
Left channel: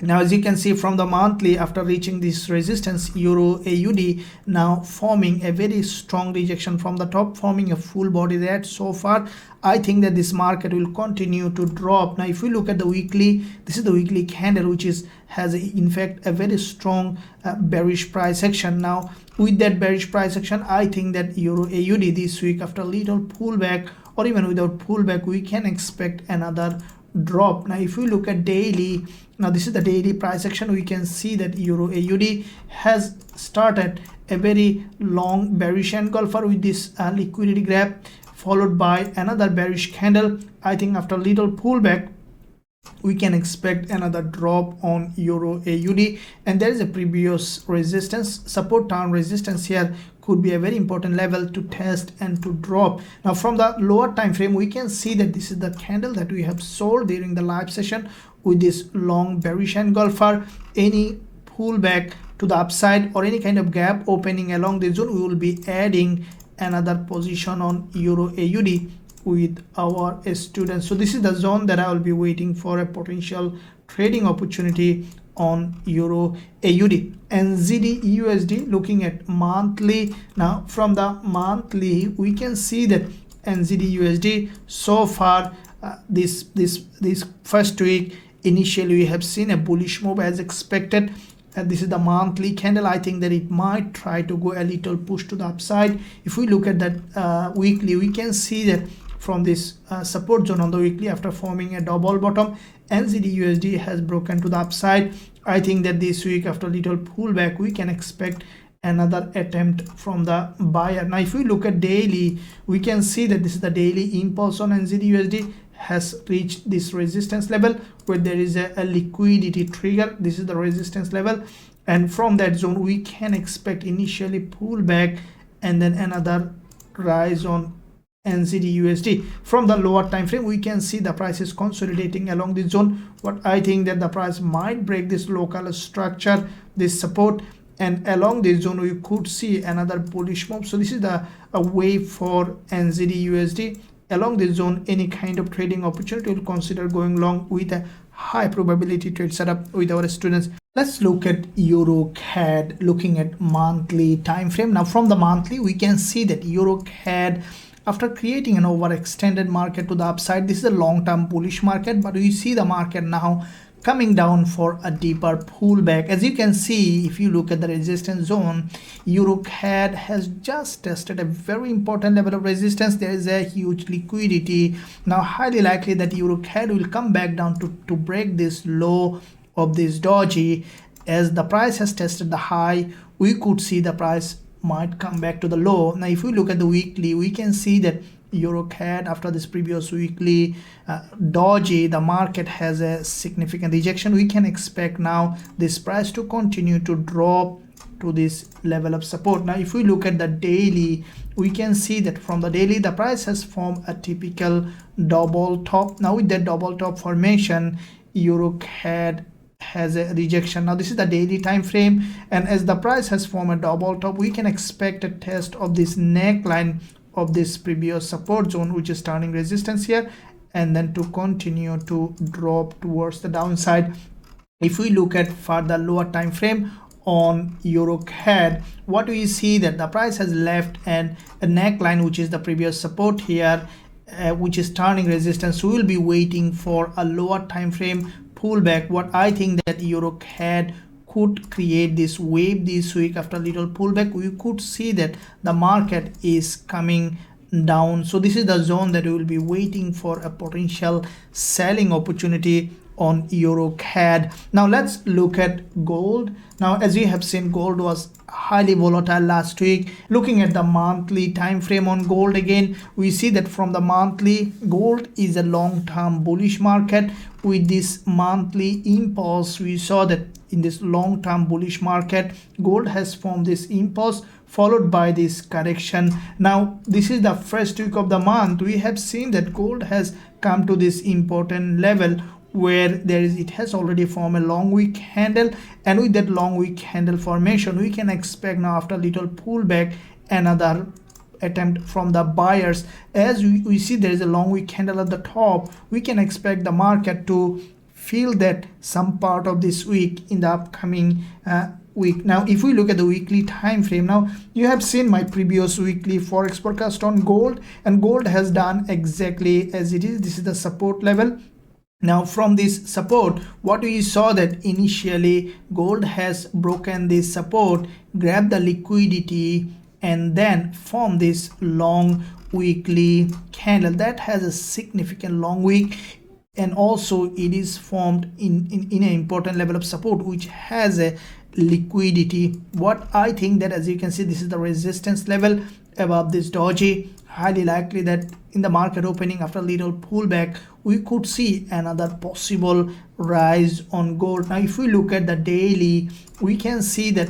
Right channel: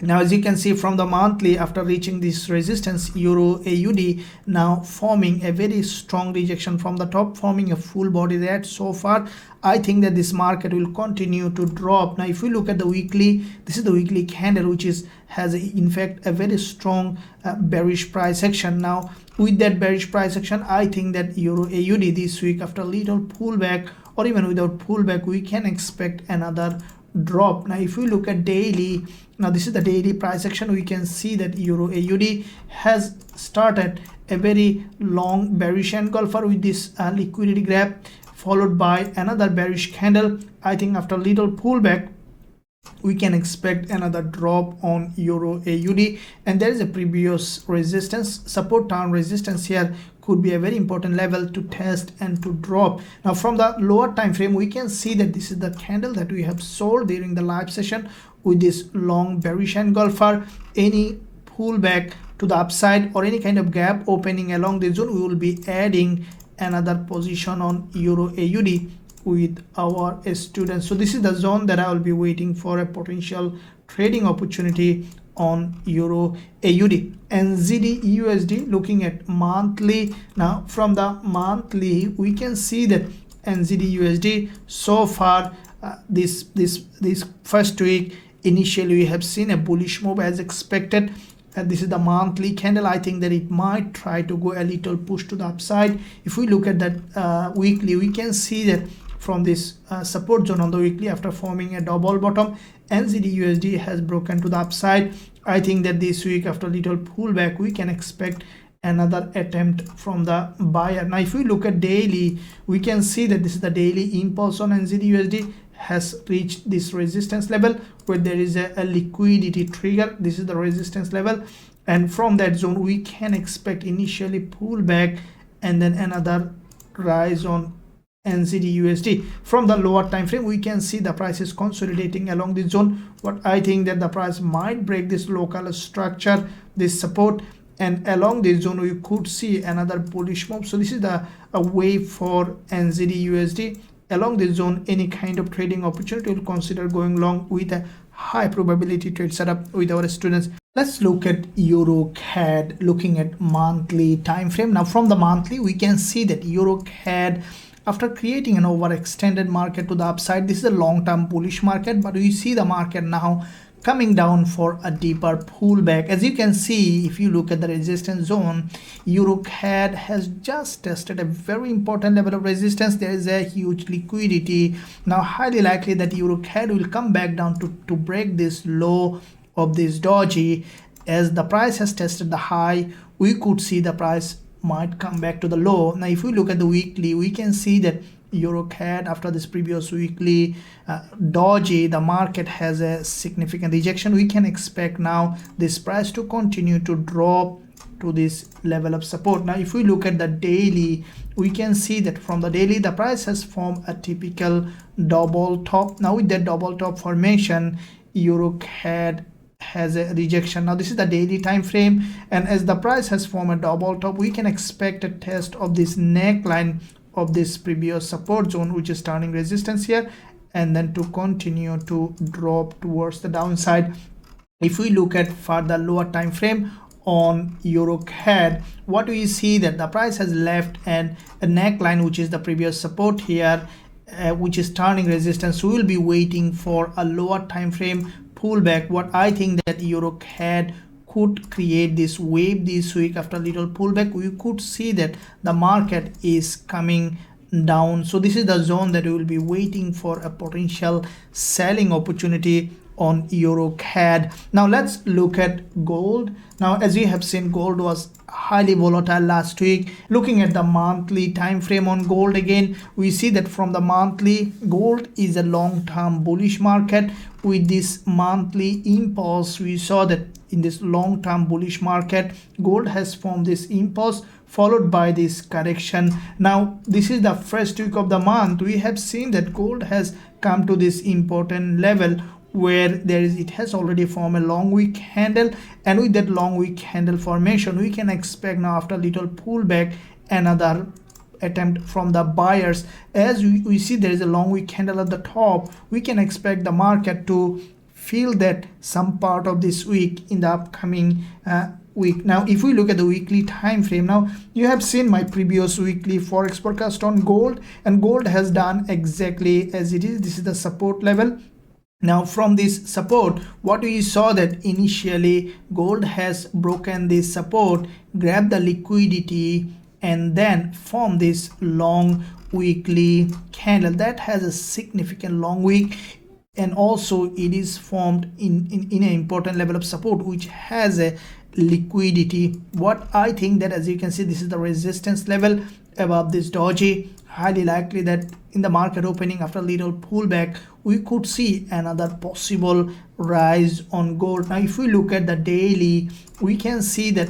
now as you can see from the monthly, after reaching this resistance, euro AUD now forming a very strong rejection from the top, forming a full body red so far. I think that this market will continue to drop. Now if we look at the weekly, this is the weekly candle, which has in fact a very strong bearish price action. Now with that bearish price action, I think that euro AUD this week, after a little pullback or even without pullback, we can expect another drop. Now if we look at daily, now this is the daily price action, we can see that euro AUD has started a very long bearish engulfer with this liquidity grab, followed by another bearish candle. I think after little pullback we can expect another drop on euro AUD, and there is a previous resistance, support down resistance here could be a very important level to test and to drop. Now from the lower time frame, we can see that this is the candle that we have sold during the live session with this long bearish engulfer. Any pullback to the upside or any kind of gap opening along the zone, we will be adding another position on euro AUD with our students. So this is the zone that I will be waiting for a potential trading opportunity on euro AUD. NZDUSD, looking at monthly, now from the monthly we can see that NZDUSD so far this first week, initially we have seen a bullish move as expected, and this is the monthly candle. I think that it might try to go a little push to the upside. If we look at that weekly, we can see that from this support zone on the weekly, after forming a double bottom, NZDUSD has broken to the upside. I think that this week, after little pullback, we can expect another attempt from the buyer. Now if you look at daily, we can see that this is the daily impulse on NZDUSD has reached this resistance level where there is a liquidity trigger. This is the resistance level, and from that zone we can expect initially pullback and then another rise on NZDUSD. From the lower time frame, we can see the price is consolidating along this zone, but I think that the price might break this local structure, this support, and along this zone we could see another bullish move. So this is the wave for NZDUSD. Along this zone, any kind of trading opportunity will consider going long with a high probability trade setup with our students. Let's look at EUROCAD, looking at monthly time frame. Now from the monthly, we can see that EUROCAD, after creating an overextended market to the upside, this is a long-term bullish market, but we see the market now coming down for a deeper pullback. As you can see, if you look at the resistance zone, EUROCAD has just tested a very important level of resistance. There is a huge liquidity. Now highly likely that EUROCAD will come back down to break this low of this doji. As the price has tested the high, we could see the price might come back to the low. Now if we look at the weekly, we can see that EUROCAD, after this previous weekly doji, the market has a significant rejection. We can expect now this price to continue to drop to this level of support. Now if we look at the daily, we can see that from the daily the price has formed a typical double top. Now with that double top formation, EUROCAD has a rejection. Now this is the daily time frame, and as the price has formed a double top, we can expect a test of this neckline of this previous support zone, which is turning resistance here, and then to continue to drop towards the downside. If we look at further lower time frame on EUROCAD, what do we see? That the price has left a neckline, which is the previous support here, which is turning resistance. We will be waiting for a lower time frame pullback. What I think that EUROCAD could create this wave this week. After a little pullback, we could see that the market is coming down. So this is the zone that we will be waiting for a potential selling opportunity on EUROCAD. Now let's look at gold. Now as you have seen, gold was highly volatile last week. Looking at the monthly time frame on gold, again we see that from the monthly, gold is a long-term bullish market. With this monthly impulse, we saw that in this long-term bullish market, gold has formed this impulse followed by this correction. Now this is the first week of the month. We have seen that gold has come to this important level where it has already formed a long wick handle, and with that long wick handle formation, we can expect now after a little pullback another attempt from the buyers. As we see there is a long wick handle at the top, we can expect the market to feel that some part of this week in the upcoming week. Now if we look at the weekly time frame, now you have seen my previous weekly forex forecast on gold, and gold has done exactly as it is. This is the support level. Now from this support, what we saw that initially gold has broken this support, grabbed the liquidity, and then formed this long weekly candle that has a significant long wick, and also it is formed in an important level of support which has a liquidity. What I think that, as you can see, this is the resistance level above this doji. Highly likely that in the market opening after a little pullback, we could see another possible rise on gold. Now if we look at the daily, we can see that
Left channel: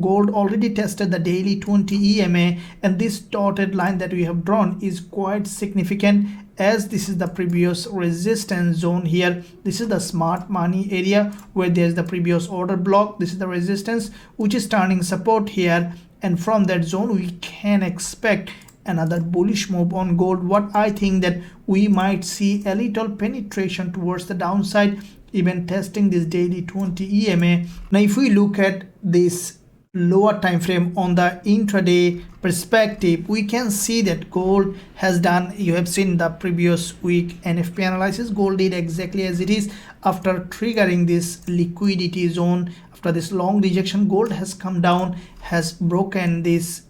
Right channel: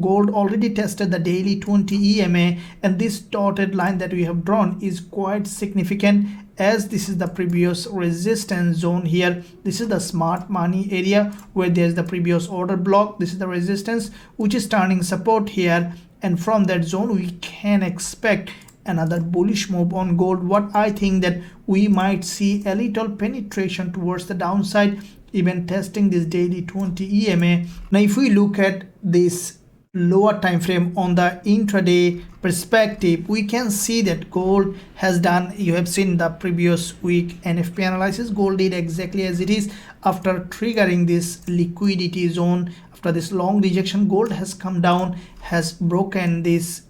gold already tested the daily 20 EMA, and this dotted line that we have drawn is quite significant, as this is the previous resistance zone here. This is the smart money area where there's the previous order block. This is the resistance which is turning support here, and from that zone we can expect another bullish move on gold. What I think that we might see a little penetration towards the downside, even testing this daily 20 EMA. Now if we look at this lower time frame on the intraday perspective, we can see that gold has done, you have seen the previous week NFP analysis, gold did exactly as it is. After triggering this liquidity zone, after this long rejection, gold has come down, has broken this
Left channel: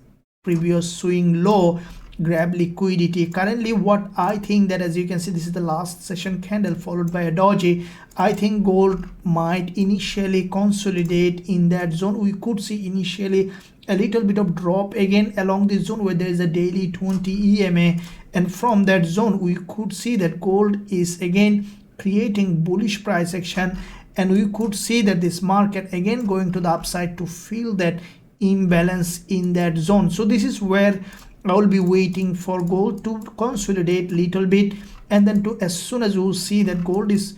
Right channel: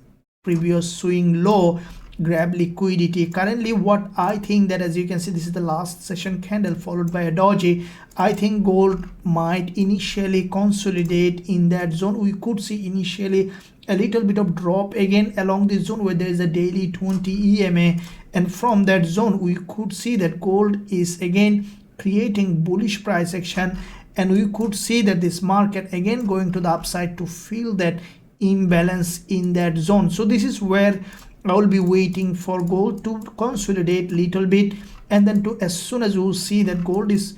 previous swing low, grab liquidity. Currently what I think that, as you can see, this is the last session candle followed by a doji. I think gold might initially consolidate in that zone. We could see initially a little bit of drop again along this zone where there is a daily 20 EMA, and from that zone we could see that gold is again creating bullish price action, and we could see that this market again going to the upside to fill that imbalance in that zone. So this is where I will be waiting for gold to consolidate little bit, and then to, as soon as you see that gold is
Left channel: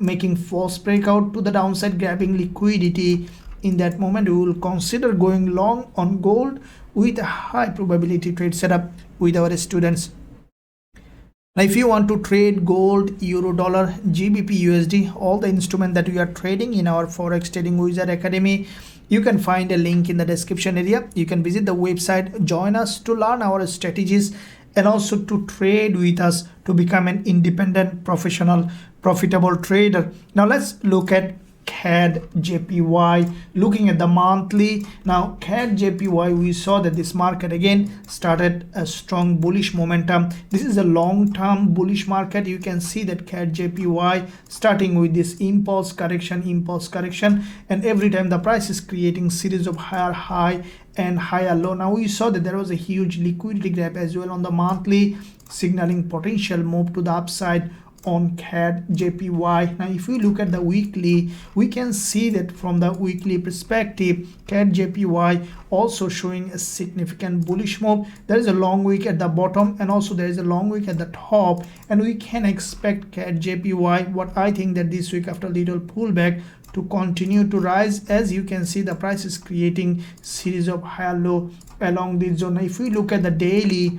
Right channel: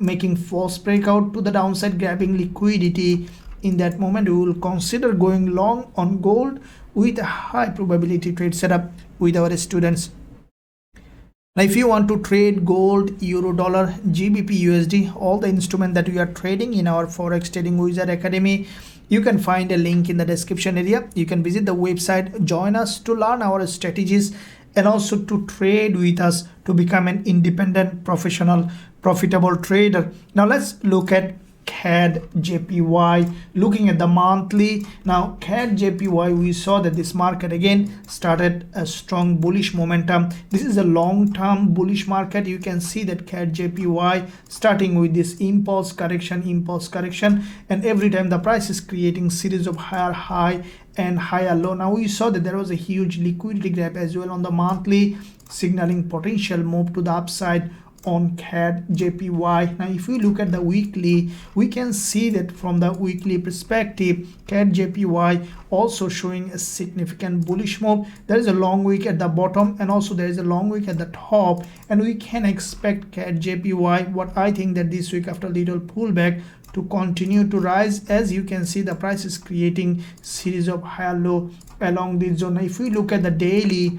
making false breakout to the downside, grabbing liquidity, in that moment we will consider going long on gold with a high probability trade setup with our students. Now if you want to trade gold, euro, dollar, GBP, USD, all the instruments that we are trading in our Forex Trading Wizard Academy, you can find a link in the description area. You can visit the website, join us to learn our strategies, and also to trade with us to become an independent, professional, profitable trader. Now let's look at CADJPY. Looking at the monthly, now CADJPY, we saw that this market again started a strong bullish momentum. This is a long-term bullish market. You can see that CADJPY starting with this impulse correction, and every time the price is creating series of higher high and higher low. Now we saw that there was a huge liquidity gap as well on the monthly, signaling potential move to the upside on CADJPY. Now if we look at the weekly, we can see that from the weekly perspective, CADJPY also showing a significant bullish move. There is a long wick at the bottom and also there is a long wick at the top, and we can expect CADJPY, what I think that this week after little pullback, to continue to rise. As you can see, the price is creating series of higher low along this zone. Now if we look at the daily,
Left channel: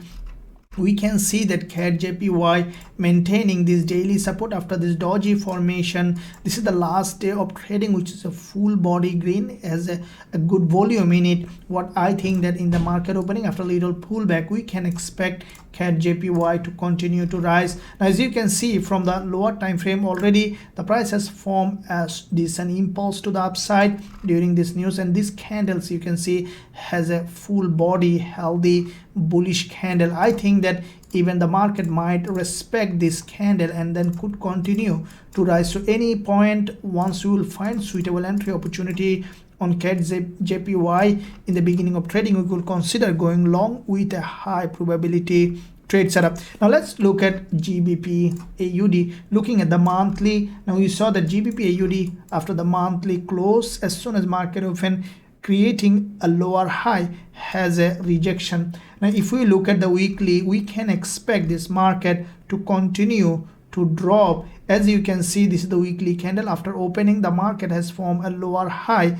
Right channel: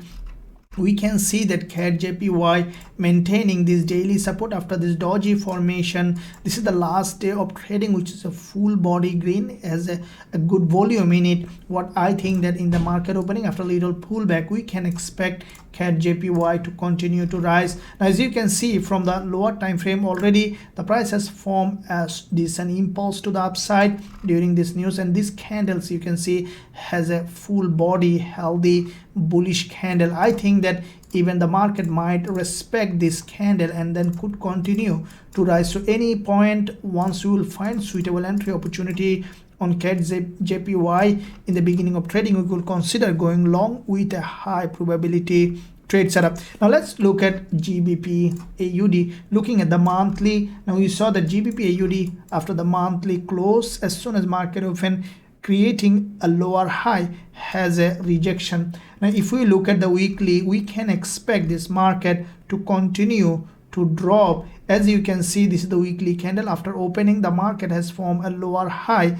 we can see that CADJPY maintaining this daily support after this doji formation. This is the last day of trading, which is a full body green, has a good volume in it. What I think that in the market opening after little pullback, we can expect CADJPY to continue to rise. As you can see from the lower time frame, already the price has formed as this an impulse to the upside during this news, and this candles you can see has a full body healthy bullish candle. I think that even the market might respect this candle and then could continue to rise. So any point once you will find suitable entry opportunity on CADJPY in the beginning of trading, we will consider going long with a high probability trade setup. Now let's look at GBPAUD. Looking at the monthly, now we saw that GBPAUD after the monthly close, as soon as market open, creating a lower high, has a rejection. Now if we look at the weekly, we can expect this market to continue to drop. As you can see, this is the weekly candle. After opening, the market has formed a lower high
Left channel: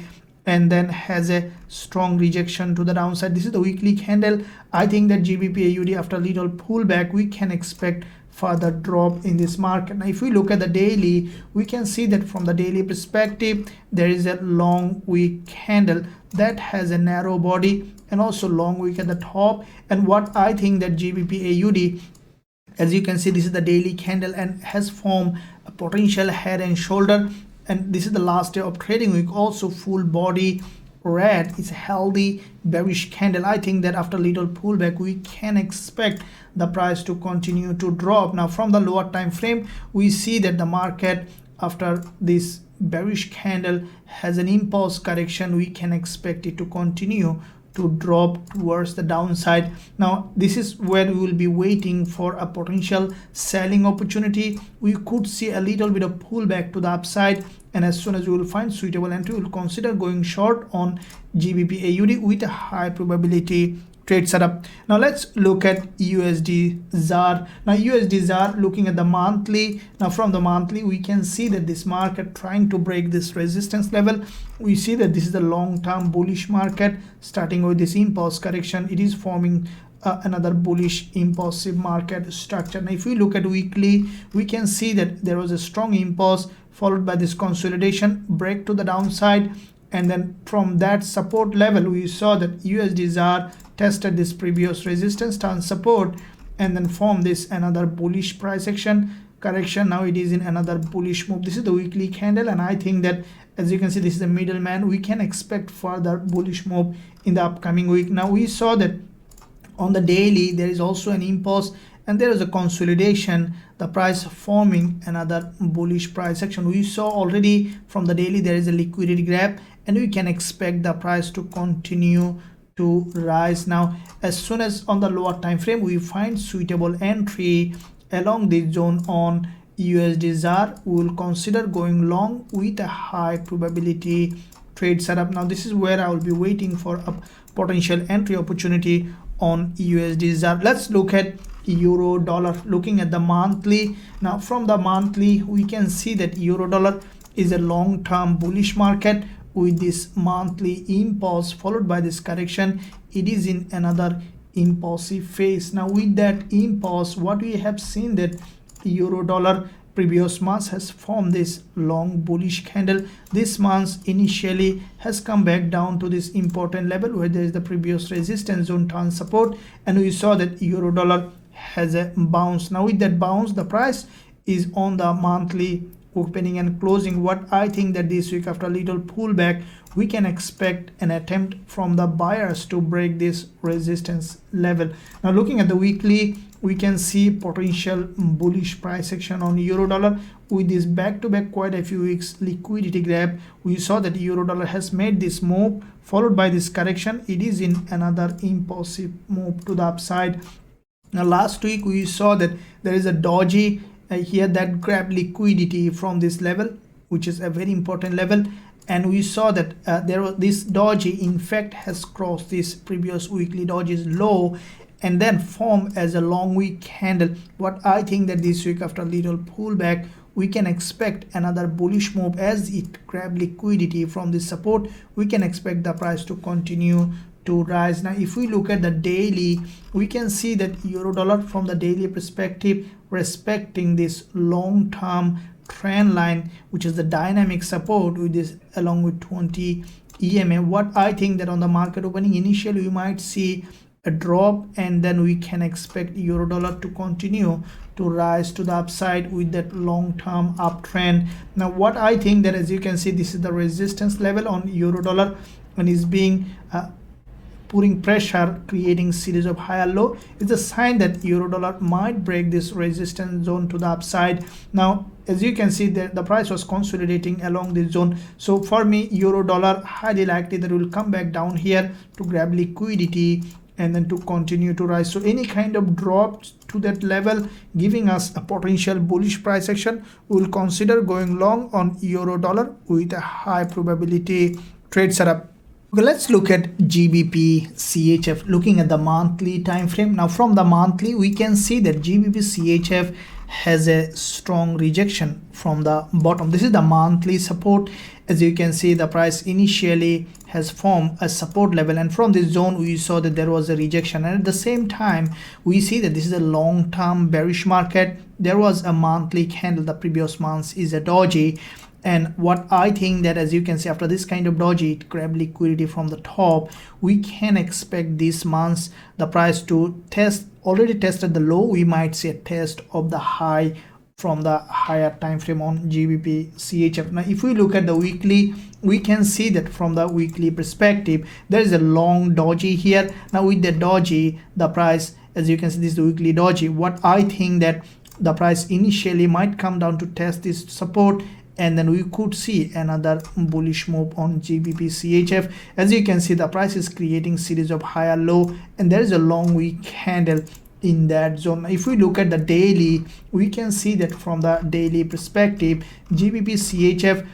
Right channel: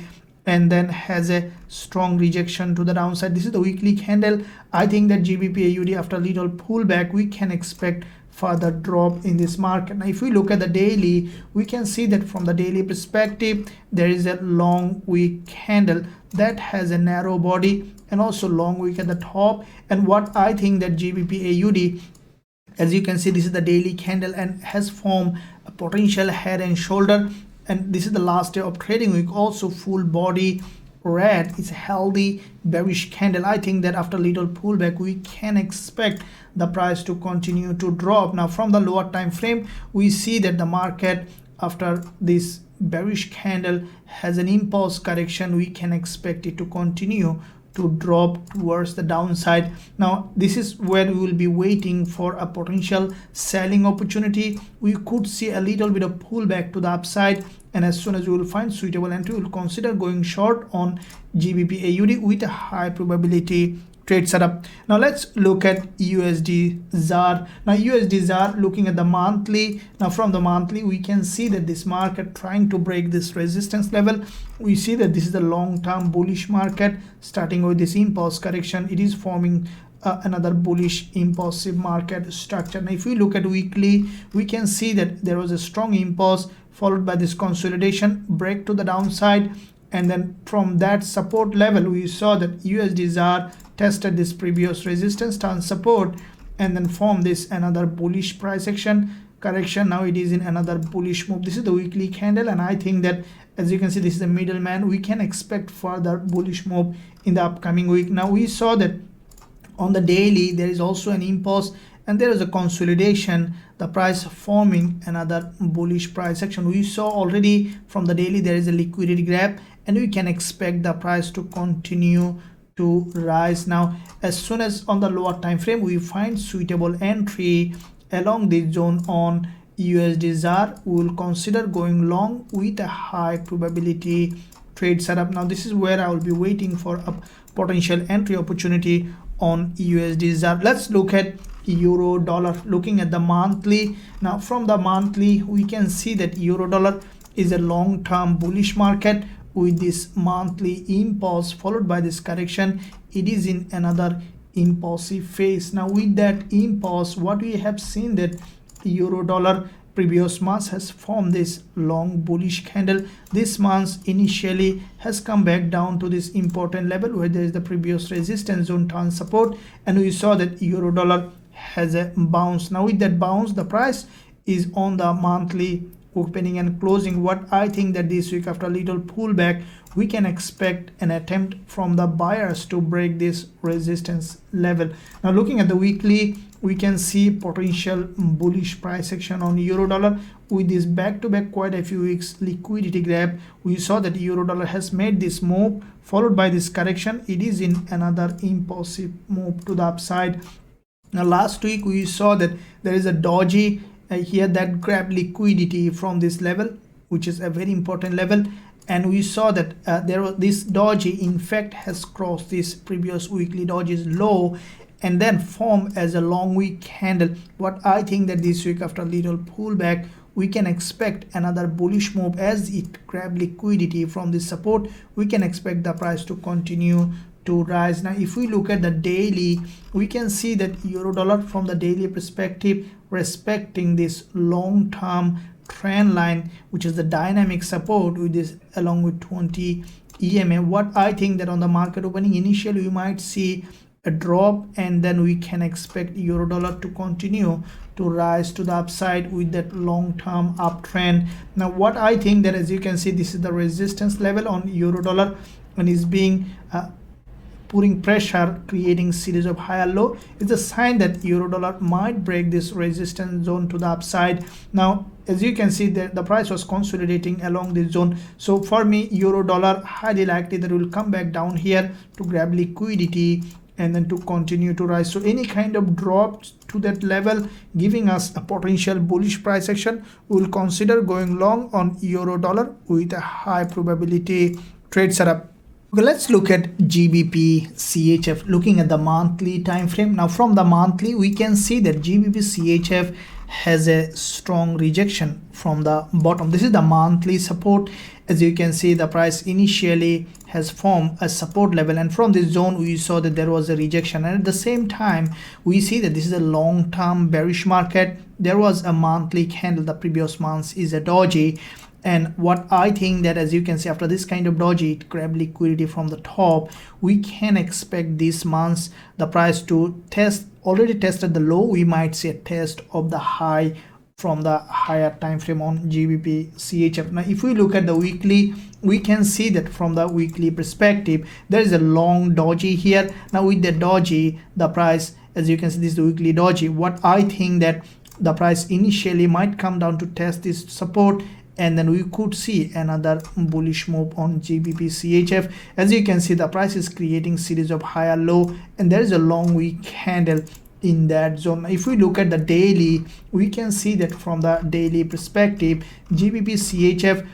and then has a strong rejection to the downside. This is the weekly candle. I think that GBPAUD after little pullback, we can expect further drop in this market. Now if we look at the daily, we can see that from the daily perspective, there is a long wick candle that has a narrow body and also long wick at the top. And what I think that GBPAUD, as you can see, this is the daily candle and has formed a potential head and shoulder, and this is the last day of trading week. Also full body red is a healthy bearish candle. I think that after little pullback, we can expect the price to continue to drop. Now from the lower time frame, we see that the market after this bearish candle has an impulse correction. We can expect it to continue to drop towards the downside. Now this is where we will be waiting for a potential selling opportunity. We could see a little bit of pullback to the upside, and as soon as we will find suitable entry, we will consider going short on GBPAUD with a high probability trade setup. Now let's look at USDZAR. Now USDZAR, looking at the monthly, now from the monthly we can see that this market trying to break this resistance level. We see that this is a long-term bullish market. Starting with this impulse correction, it is forming another bullish impulsive market structure. Now if we look at weekly, we can see that there was a strong impulse followed by this consolidation, break to the downside, and then from that support level we saw that USDZAR tested this previous resistance and support and then formed this another bullish price action correction. Now it is in another bullish move. This is the weekly candle, and I think that as you can see, this is the middleman. We can expect further bullish move in the upcoming week. Now we saw that on the daily there is also an impulse and there is a consolidation, the price forming another bullish price action. We saw already from the daily there is a liquidity gap, and we can expect the price to continue to rise. Now as soon as on the lower time frame we find suitable entry along this zone on USDZAR, we will consider going long with a high probability trade setup. Now this is where I will be waiting for a potential entry opportunity on USDZAR. Let's look at euro dollar. Looking at the monthly, now from the monthly we can see that euro dollar is a long-term bullish market with this monthly impulse followed by this correction. It is in another impulsive phase. Now with that impulse, what we have seen that euro dollar previous month has formed this long bullish candle. This month initially has come back down to this important level where there is the previous resistance zone turn support, and we saw that euro dollar has a bounce. Now with that bounce, the price is on the monthly opening and closing. What I think that this week after a little pullback, we can expect an attempt from the buyers to break this resistance level. Now looking at the weekly, we can see potential bullish price action on euro dollar with this back-to-back quite a few weeks liquidity gap. We saw that euro dollar has made this move followed by this correction. It is in another impulsive move to the upside. Now last week we saw that there is a doji here that grab liquidity from this level, which is a very important level. And we saw that this doji in fact has crossed this previous weekly doji's low and then formed as a long wick candle. What I think that this week, after a little pullback, we can expect another bullish move as it grab liquidity from this support. We can expect the price to continue to rise. Now if we look at the daily, we can see that euro dollar from the daily perspective respecting this long-term trend line, which is the dynamic support with this along with 20 EMA. What I think that on the market opening, initially you might see a drop and then we can expect euro dollar to continue to rise to the upside with that long-term uptrend. Now what I think that, as you can see, this is the resistance level on euro dollar and is being putting pressure, creating series of higher low. It's a sign that euro dollar might break this resistance zone to the upside. Now as you can see, the price was consolidating along this zone. So for me, euro dollar highly likely that will come back down here to grab liquidity and then to continue to rise. So any kind of drop to that level giving us a potential bullish price action, we will consider going long on euro dollar with a high probability trade setup. Okay, let's look at GBPCHF, looking at the monthly time frame. Now from the monthly, we can see that GBPCHF has a strong rejection from the bottom. This is the monthly support. As you can see, the price initially has formed a support level, and from this zone we saw that there was a rejection, and at the same time we see that this is a long-term bearish market. There was a monthly candle, the previous month is a doji. And what I think that, as you can see, after this kind of doji, it grab liquidity from the top, we can expect this month the price to test, already tested the low. We might see a test of the high from the higher time frame on GBPCHF. Now if we look at the weekly, we can see that from the weekly perspective there is a long doji here. Now with the doji, the price, as you can see, this is the weekly doji. What I think that the price initially might come down to test this support, and then we could see another bullish move on GBPCHF. As you can see, the price is creating series of higher low and there is a long wick candle in that zone. Now, if we look at the daily, we can see that from the daily perspective, GBPCHF,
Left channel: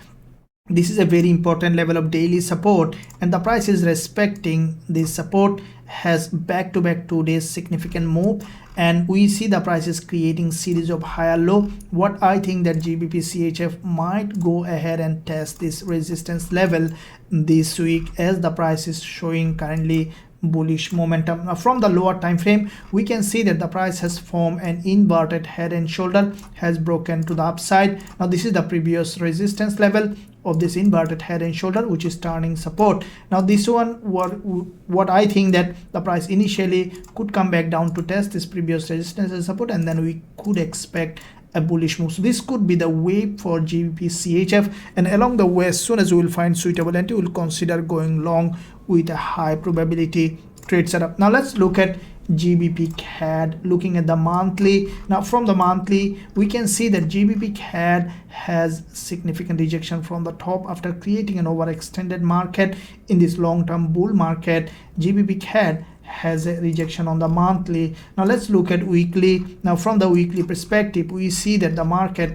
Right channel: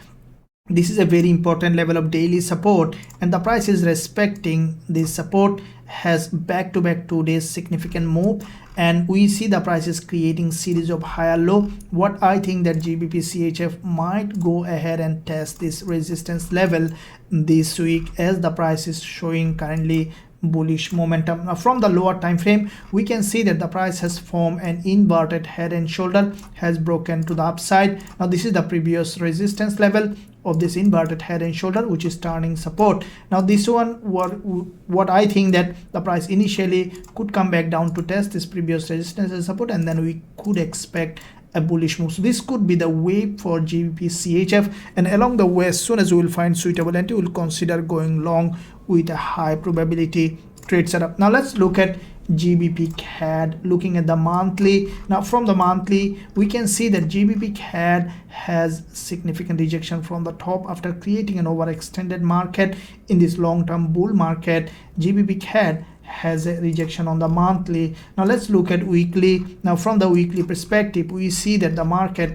this is a very important level of daily support, and the price is respecting this support, has back-to-back 2 days significant move, and we see the price is creating series of higher low. What I think that GBPCHF might go ahead and test this resistance level this week, as the price is showing currently bullish momentum. Now from the lower time frame, we can see that the price has formed an inverted head and shoulder, has broken to the upside. Now this is the previous resistance level of this inverted head and shoulder, which is turning support. Now this one, what I think that the price initially could come back down to test this previous resistance and support, and then we could expect a bullish move. So this could be the way for GBPCHF, and along the way, as soon as we will find suitable entry, we will consider going long with a high probability trade setup. Now let's look at GBPCAD, looking at the monthly. Now from the monthly, we can see that GBPCAD has significant rejection from the top after creating an overextended market in this long-term bull market. GBPCAD has a rejection on the monthly. Now let's look at weekly. Now from the weekly perspective, we see that the market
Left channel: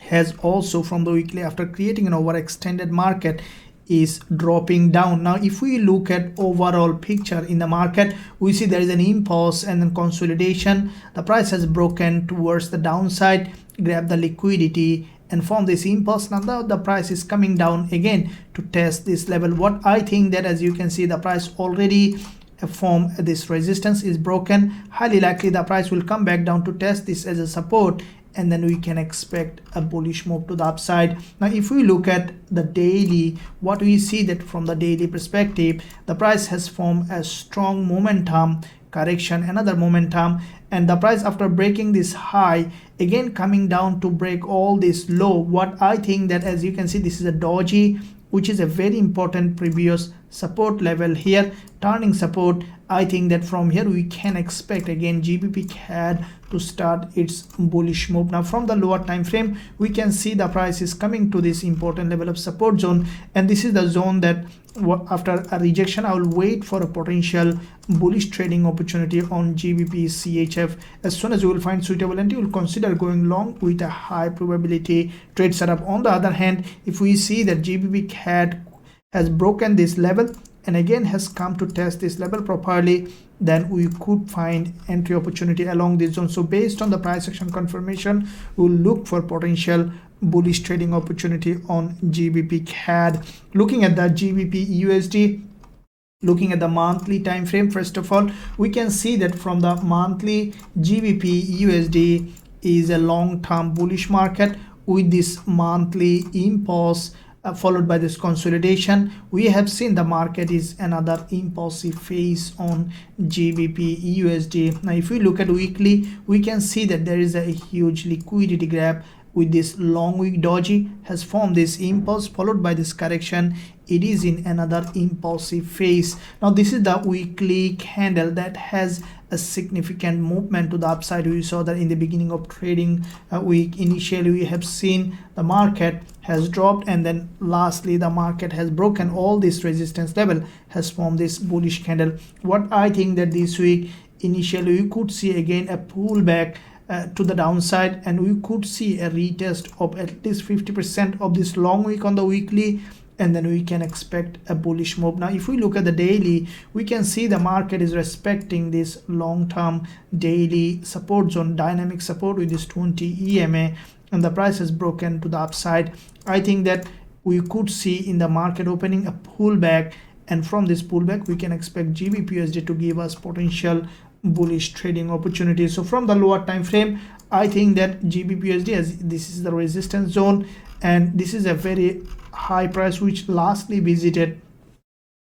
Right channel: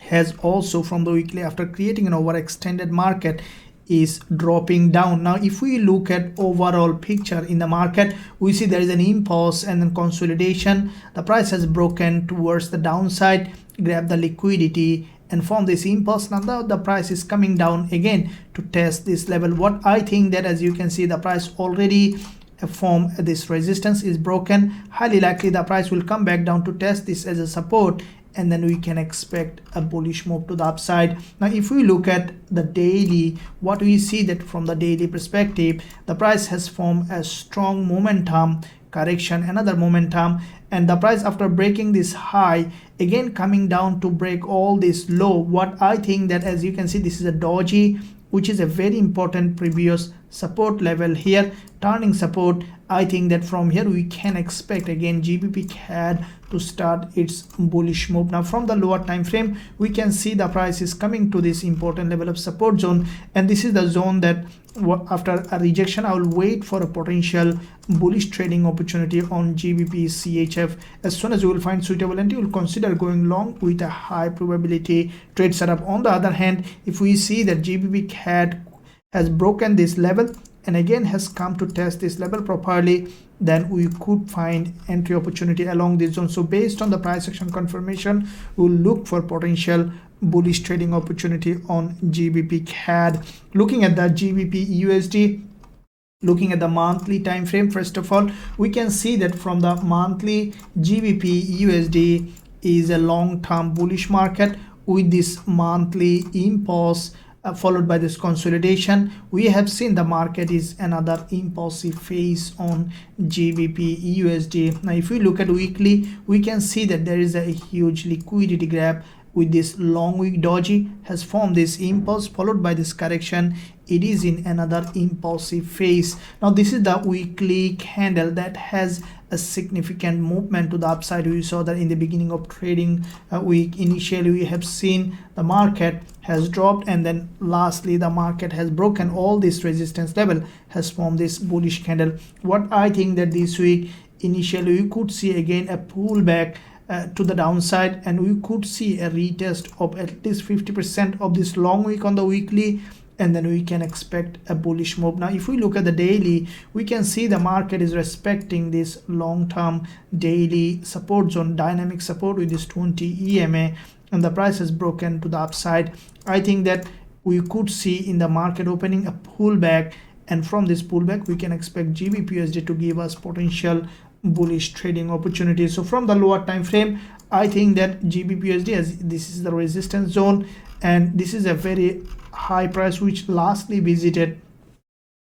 has also, from the weekly, after creating an overextended market, is dropping down. Now if we look at overall picture in the market, we see there is an impulse and then consolidation. The price has broken towards the downside, grab the liquidity, and from this impulse, now the price is coming down again to test this level. What I think that, as you can see, the price already form this resistance is broken. Highly likely the price will come back down to test this as a support, and then we can expect a bullish move to the upside. Now if we look at the daily, what we see that from the daily perspective, the price has formed a strong momentum correction, another momentum, and the price, after breaking this high, again coming down to break all this low. What I think that, as you can see, this is a doji, which is a very important previous support level here, turning support. I think that from here we can expect again GBPCAD to start its bullish move. Now from the lower time frame, we can see the price is coming to this important level of support zone, and this is the zone that after a rejection I will wait for a potential bullish trading opportunity on GBPCHF CHF. As soon as you will find suitable entry, you will consider going long with a high probability trade setup. On the other hand, if we see that GBPCAD has broken this level and again has come to test this level properly, then we could find entry opportunity along this zone. So based on the price action confirmation, we will look for potential bullish trading opportunity on GBPCAD. Looking at the GBPUSD, looking at the monthly time frame, first of all, we can see that from the monthly, GBPUSD is a long-term bullish market with this monthly impulse followed by this consolidation. We have seen the market is another impulsive phase on GBPUSD. Now if we look at weekly, we can see that there is a huge liquidity grab with this long wick doji has formed this impulse followed by this correction. It is in another impulsive phase. Now this is the weekly candle that has a significant movement to the upside. We saw that in the beginning of trading week. Initially we have seen the market has dropped, and then lastly the market has broken all this resistance level, has formed this bullish candle. What I think that this week initially we could see again a pullback to the downside, and we could see a retest of at least 50% of this long wick on the weekly, and then we can expect a bullish move. Now if we look at the daily, we can see the market is respecting this long-term daily support zone, dynamic support with this 20 EMA, and the price has broken to the upside. I think that we could see in the market opening a pullback, and from this pullback we can expect GBPUSD to give us potential bullish trading opportunities. So from the lower time frame, I think that GBPUSD, as this is the resistance zone, and this is a very high price which lastly visited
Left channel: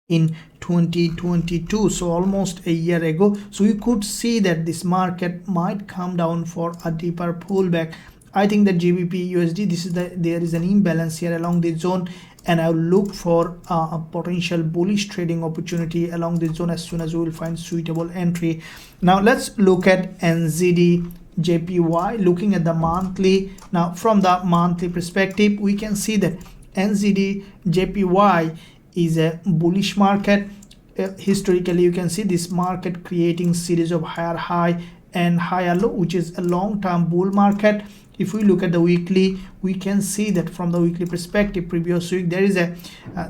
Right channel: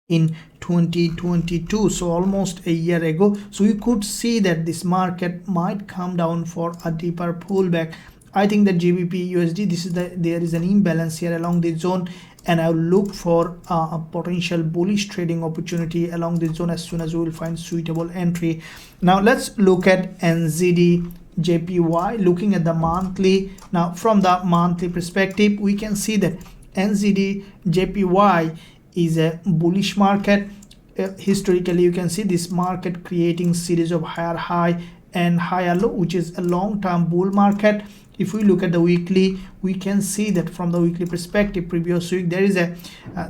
in 2022, so almost a year ago. So we could see that this market might come down for a deeper pullback. I think that GBPUSD, there is an imbalance here along this zone, and I'll look for a potential bullish trading opportunity along this zone as soon as we will find suitable entry. Now let's look at NZDJPY. Looking at the monthly, now from the monthly perspective, we can see that NZDJPY is a bullish market. Historically, you can see this market creating series of higher high and higher low, which is a long-term bull market. If we look at the weekly, we can see that from the weekly perspective, previous week there is a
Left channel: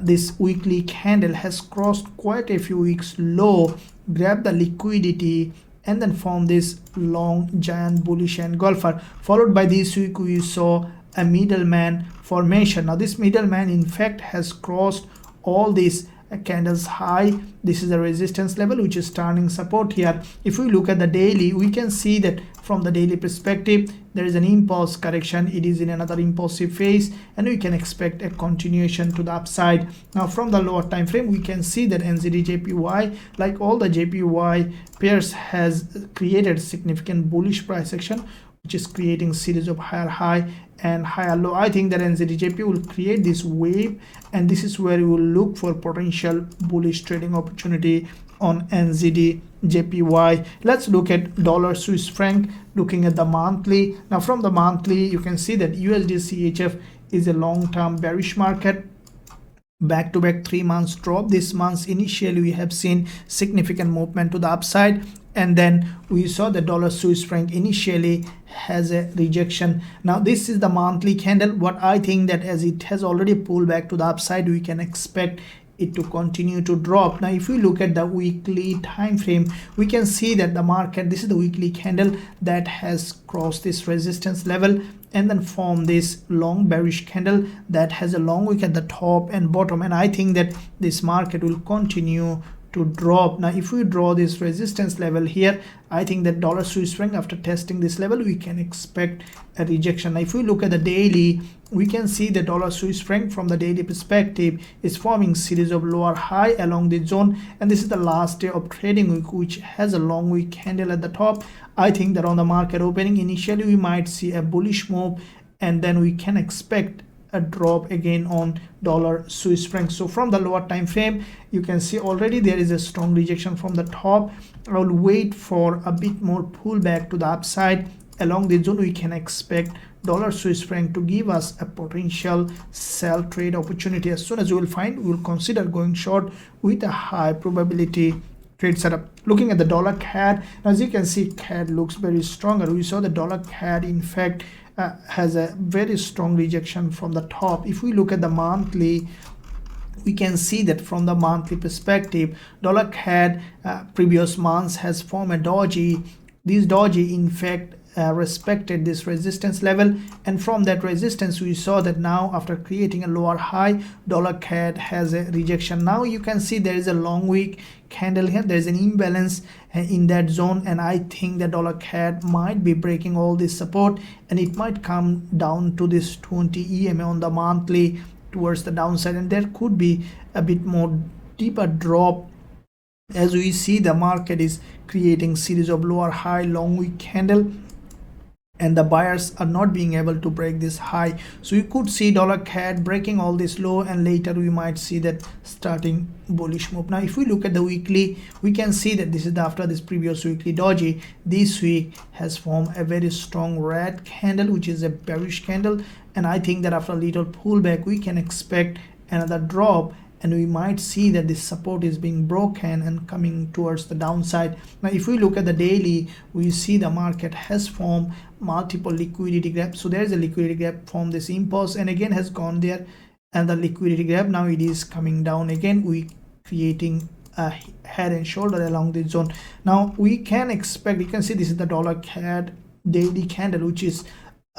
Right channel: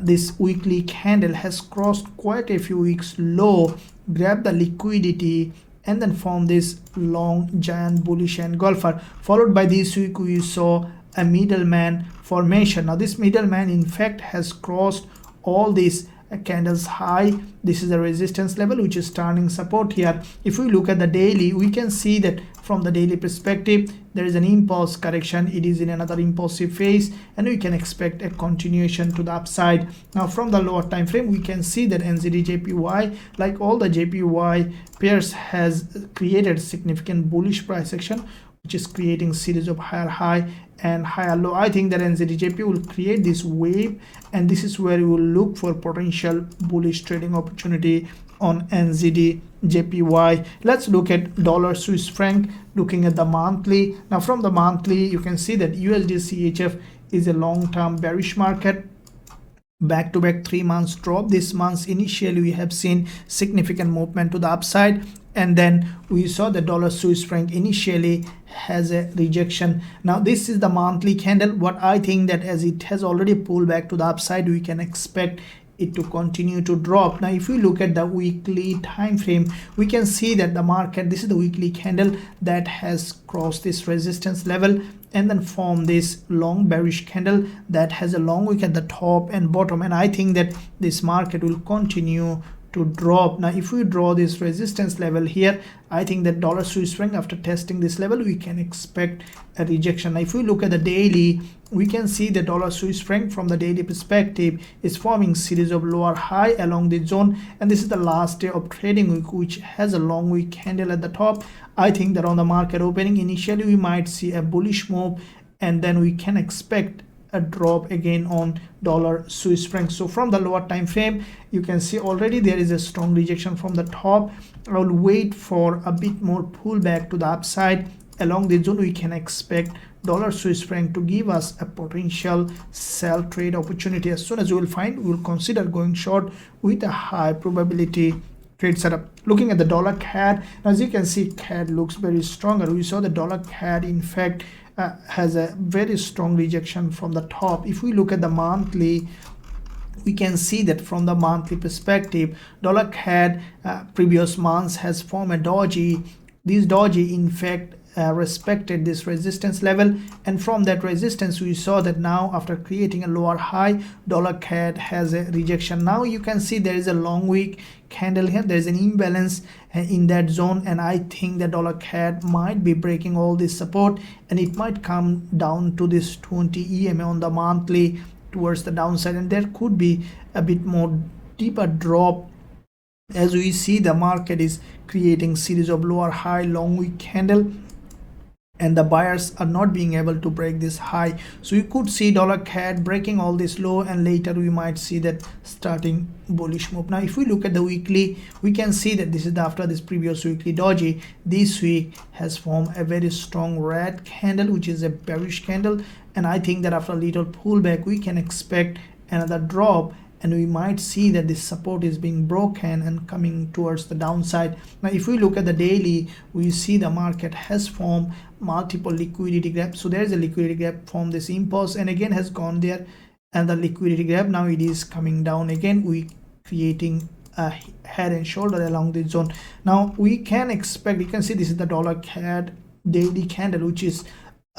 this weekly candle has crossed quite a few weeks low, grabbed the liquidity, and then formed this long giant bullish engulfer. Followed by this week we saw a middleman formation. Now this middleman in fact has crossed all these candles high. This is the resistance level which is turning support here. If we look at the daily, we can see that from the daily perspective there is an impulse correction. It is in another impulsive phase, and we can expect a continuation to the upside. Now from the lower time frame, we can see that NZDJPY, like all the JPY pairs, has created significant bullish price action, which is creating series of higher high and higher low. I think that NZDJPY will create this wave, and this is where we will look for potential bullish trading opportunity on NZDJPY. Let's look at dollar Swiss franc. Looking at the monthly, now from the monthly you can see that USDCHF is a long-term bearish market. Back-to-back 3 months drop. This month initially we have seen significant movement to the upside, and then we saw the dollar Swiss franc initially has a rejection. Now this is the monthly candle. What I think that as it has already pulled back to the upside, we can expect it to continue to drop. Now if we look at the weekly time frame, we can see that the market, this is the weekly candle that has crossed this resistance level and then formed this long bearish candle that has a long wick at the top and bottom, and I think that this market will continue to drop. Now if we draw this resistance level here, I think that dollar Swiss franc, after testing this level, we can expect a rejection. Now if we look at the daily, we can see the dollar Swiss franc from the daily perspective is forming series of lower high along the zone, and this is the last day of trading week, which has a long wick candle at the top. I think that on the market opening, initially we might see a bullish move, and then we can expect a drop again on dollar Swiss franc. So from the lower time frame, you can see already there is a strong rejection from the top. I will wait for a bit more pullback to the upside along the zone. We can expect dollar Swiss franc to give us a potential sell trade opportunity. As soon as we will find, we will consider going short with a high probability trade setup. Looking at the dollar CAD, as you can see, CAD looks very stronger. We saw the dollar CAD in fact has a very strong rejection from the top. If we look at the monthly, we can see that from the monthly perspective, dollar CAD previous months has formed a doji. This doji in fact respected this resistance level, and from that resistance we saw that now after creating a lower high, dollar CAD has a rejection. Now you can see there is a long wick candle here. There is an imbalance in that zone, and I think the dollar CAD might be breaking all this support, and it might come down to this 20 EMA on the monthly towards the downside, and there could be a bit more deeper drop. As we see, the market is creating series of lower high long wick candle, and the buyers are not being able to break this high. So you could see dollar CAD breaking all this low, and later we might see that starting bullish move. Now if we look at the weekly, we can see that this is after this previous weekly doji. This week has formed a very strong red candle, which is a bearish candle, and I think that after a little pullback we can expect another drop, and we might see that this support is being broken and coming towards the downside. Now if we look at the daily, we see the market has formed multiple liquidity gaps. So there is a liquidity gap from this impulse, and again has gone there, and the liquidity gap now it is coming down again. We creating a head and shoulder along this zone. Now we can expect, you can see this is the dollar CAD daily candle, which is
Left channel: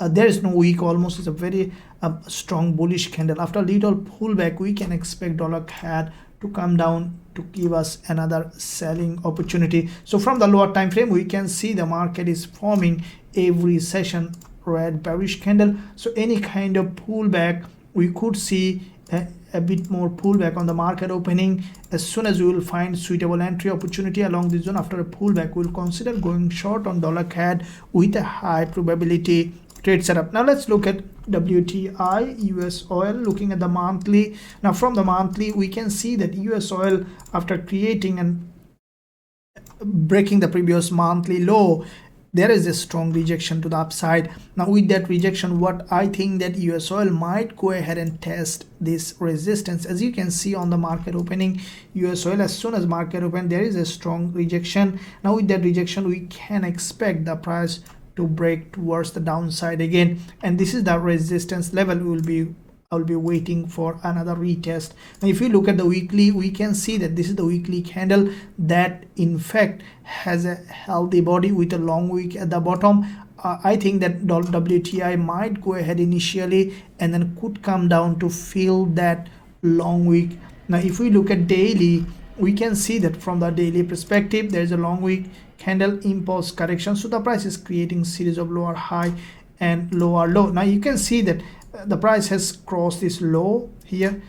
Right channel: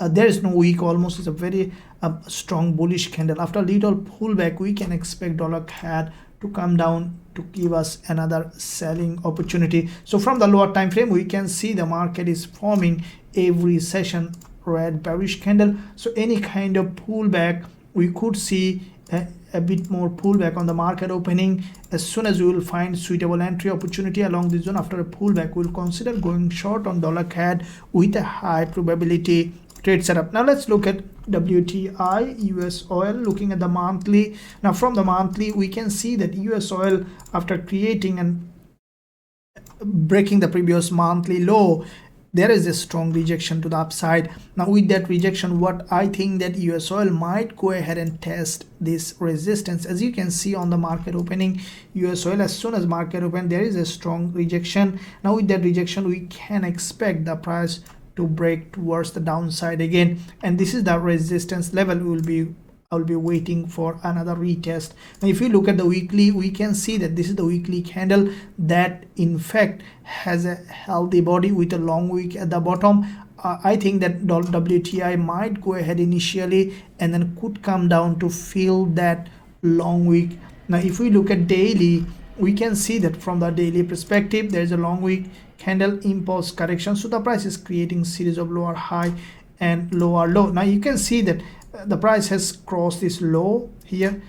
there is no weak, almost is a very strong bullish candle. After a little pullback, we can expect dollar CAD to come down to give us another selling opportunity. So from the lower time frame, we can see the market is forming every session red bearish candle. So any kind of pullback, we could see a bit more pullback on the market opening. As soon as we will find suitable entry opportunity along this zone after a pullback, we'll consider going short on dollar CAD with a high probability trade setup. Now let's look at WTI US oil. Looking at the monthly, now from the monthly we can see that US oil, after creating and breaking the previous monthly low, there is a strong rejection to the upside. Now with that rejection, what I think that US oil might go ahead and test this resistance. As you can see on the market opening, US oil, as soon as market open, there is a strong rejection. Now with that rejection, we can expect the price to break towards the downside again, and this is the resistance level. We'll be waiting for another retest. Now if you look at the weekly, we can see that this is the weekly candle that in fact has a healthy body with a long wick at the bottom. I think that WTI might go ahead initially and then could come down to fill that long wick. Now if we look at daily, we can see that from the daily perspective, there is a long wick candle impulse correction. So the price is creating series of lower high and lower low. Now you can see that the price has crossed this low here,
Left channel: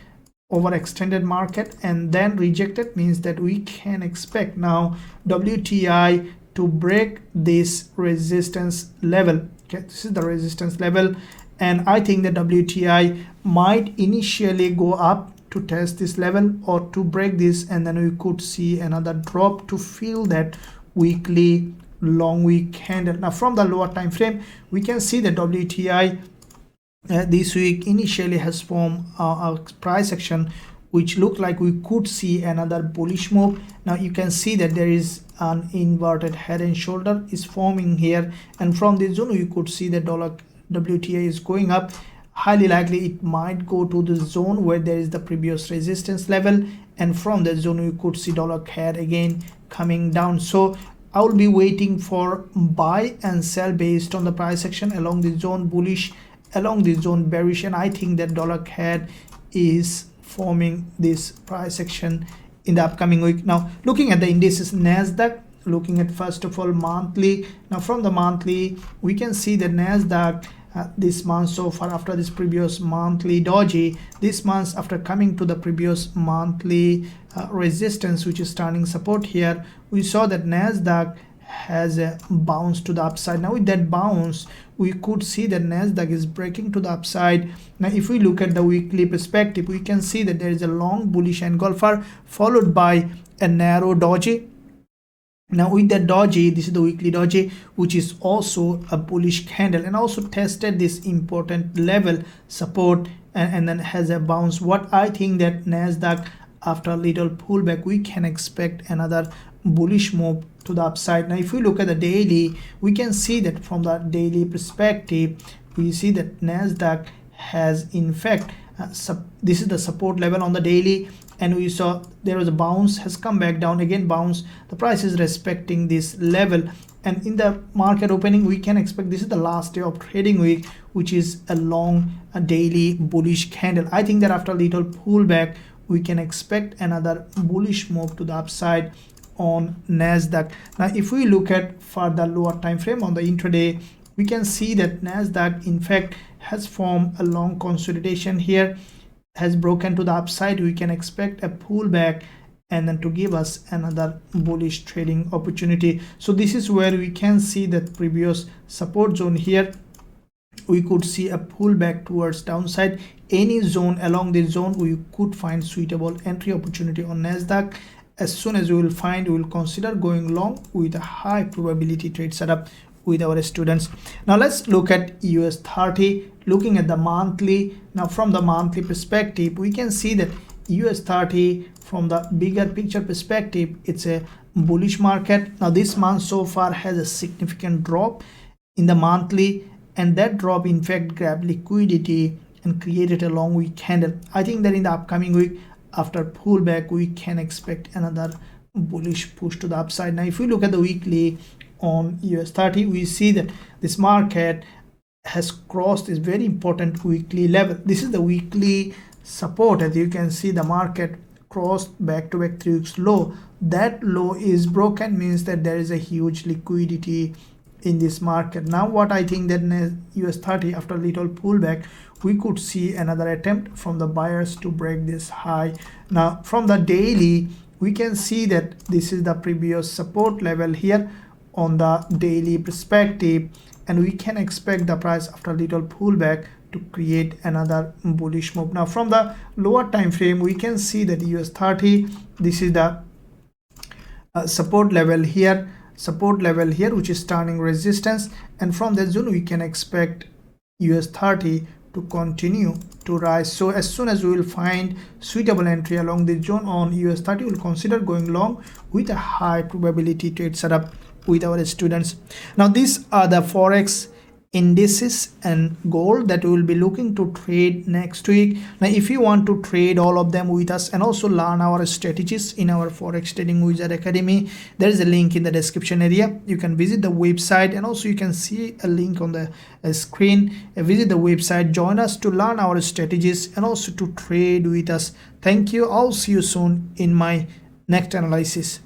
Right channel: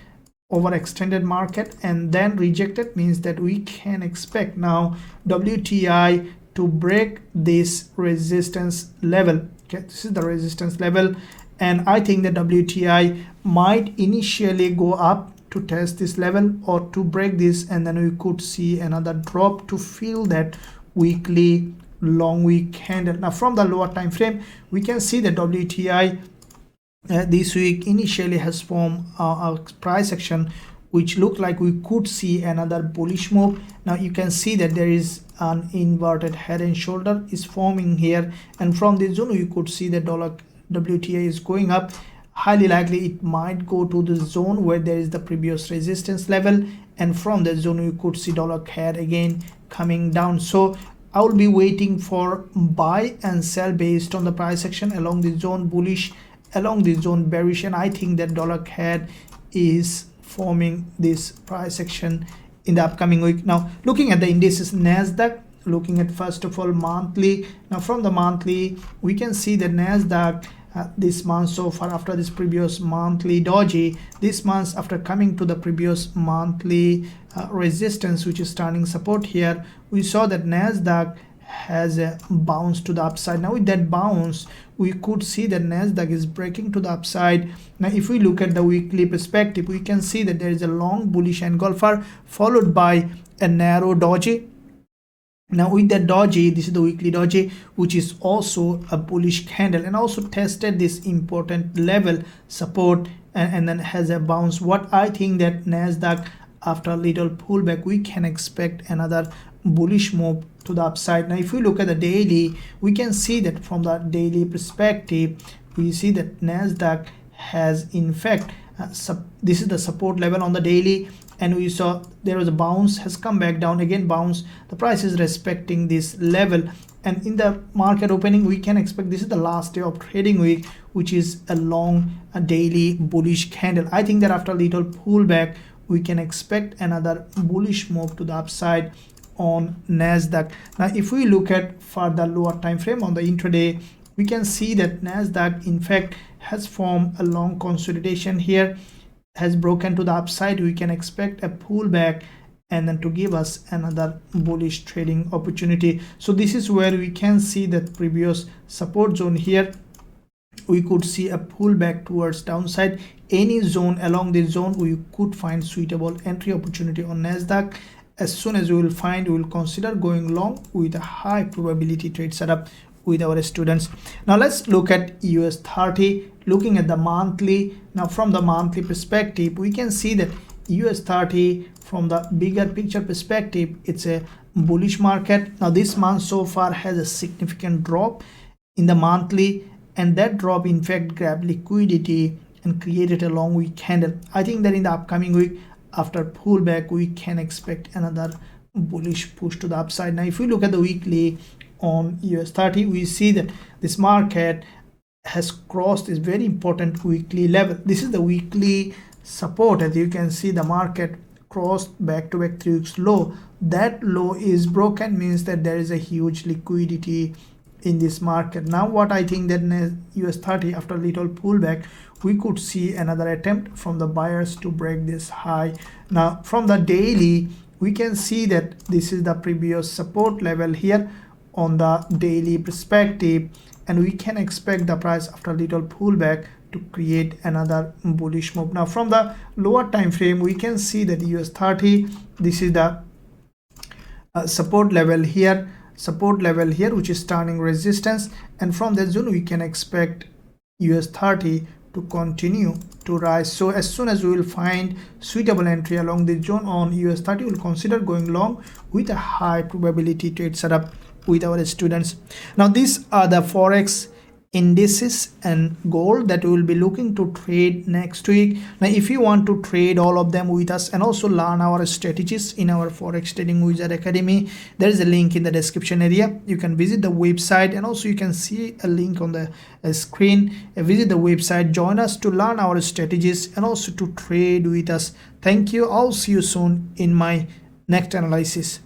overextended market, and then rejected. Means that we can expect now WTI to break this resistance level. Okay, this is the resistance level, and I think that WTI might initially go up to test this level or to break this, and then we could see another drop to fill that weekly long wick candle. Now from the lower time frame, we can see that WTI this week initially has formed a price action which looked like we could see another bullish move. Now you can see that there is an inverted head and shoulder is forming here, and from this zone we could see that WTI is going up. Highly likely it might go to the zone where there is the previous resistance level, and from that zone we could see dollar CAD again coming down. So I will be waiting for buy and sell based on the price action along this zone bullish, along this zone bearish, and I think that dollar CAD is forming this price action in the upcoming week. Now looking at the indices, NASDAQ, looking at first of all monthly. Now from the monthly, we can see that NASDAQ this month so far, after this previous monthly doji, this month after coming to the previous monthly resistance, which is turning support here, we saw that NASDAQ has a bounce to the upside. Now with that bounce, we could see that NASDAQ is breaking to the upside. Now if we look at the weekly perspective, we can see that there is a long bullish engulfer followed by a narrow doji. Now with the doji, this is the weekly doji, which is also a bullish candle and also tested this important level support and then has a bounce. What I think that NASDAQ, after a little pullback, we can expect another bullish move to the upside. Now if we look at the daily, we can see that from the daily perspective, we see that NASDAQ has in fact this is the support level on the daily, and we saw there was a bounce, has come back down, again bounce. The price is respecting this level, and in the market opening we can expect this is the last day of trading week, which is a long daily bullish candle. I think that after a little pullback we can expect another bullish move to the upside on NASDAQ. Now if we look at further lower time frame on the intraday, we can see that NASDAQ in fact has formed a long consolidation here, has broken to the upside. We can expect a pullback and then to give us another bullish trading opportunity. So this is where we can see that previous support zone here, we could see a pullback towards downside. Any zone along this zone we could find suitable entry opportunity on NASDAQ. As soon as we will find, we will consider going long with a high probability trade setup with our students. Now let's look at US30, looking at the monthly. Now from the monthly perspective, we can see that US30 from the bigger picture perspective, it's a bullish market. Now this month so far has a significant drop in the monthly, and that drop in fact grabbed liquidity and created a long week candle. I think that in the upcoming week, after pullback, we can expect another bullish push to the upside. Now if we look at the weekly on US30, we see that this market has crossed this very important weekly level. This is the weekly support. As you can see, the market crossed back to back 3 weeks low. That low is broken, means that there is a huge liquidity in this market. Now what I think that US30 after a little pullback, we could see another attempt from the buyers to break this high. Now from the daily, we can see that this is the previous support level here on the daily perspective, and we can expect the price after a little pullback to create another bullish move. Now from the lower time frame, we can see that US30, this is the support level here, which is turning resistance, and from that zone we can expect US30 to continue to rise. So as soon as we will find suitable entry along the zone on US30, we will consider going long with a high probability trade setup with our students. Now these are the forex indices and gold that we will be looking to trade next week. Now if you want to trade all of them with us and also learn our strategies in our Forex Trading Wizard Academy, there is a link in the description area. You can visit the website, and also you can see a link on the screen. Visit the website, join us to learn our strategies and also to trade with us. Thank you. I'll see you soon in my next analysis.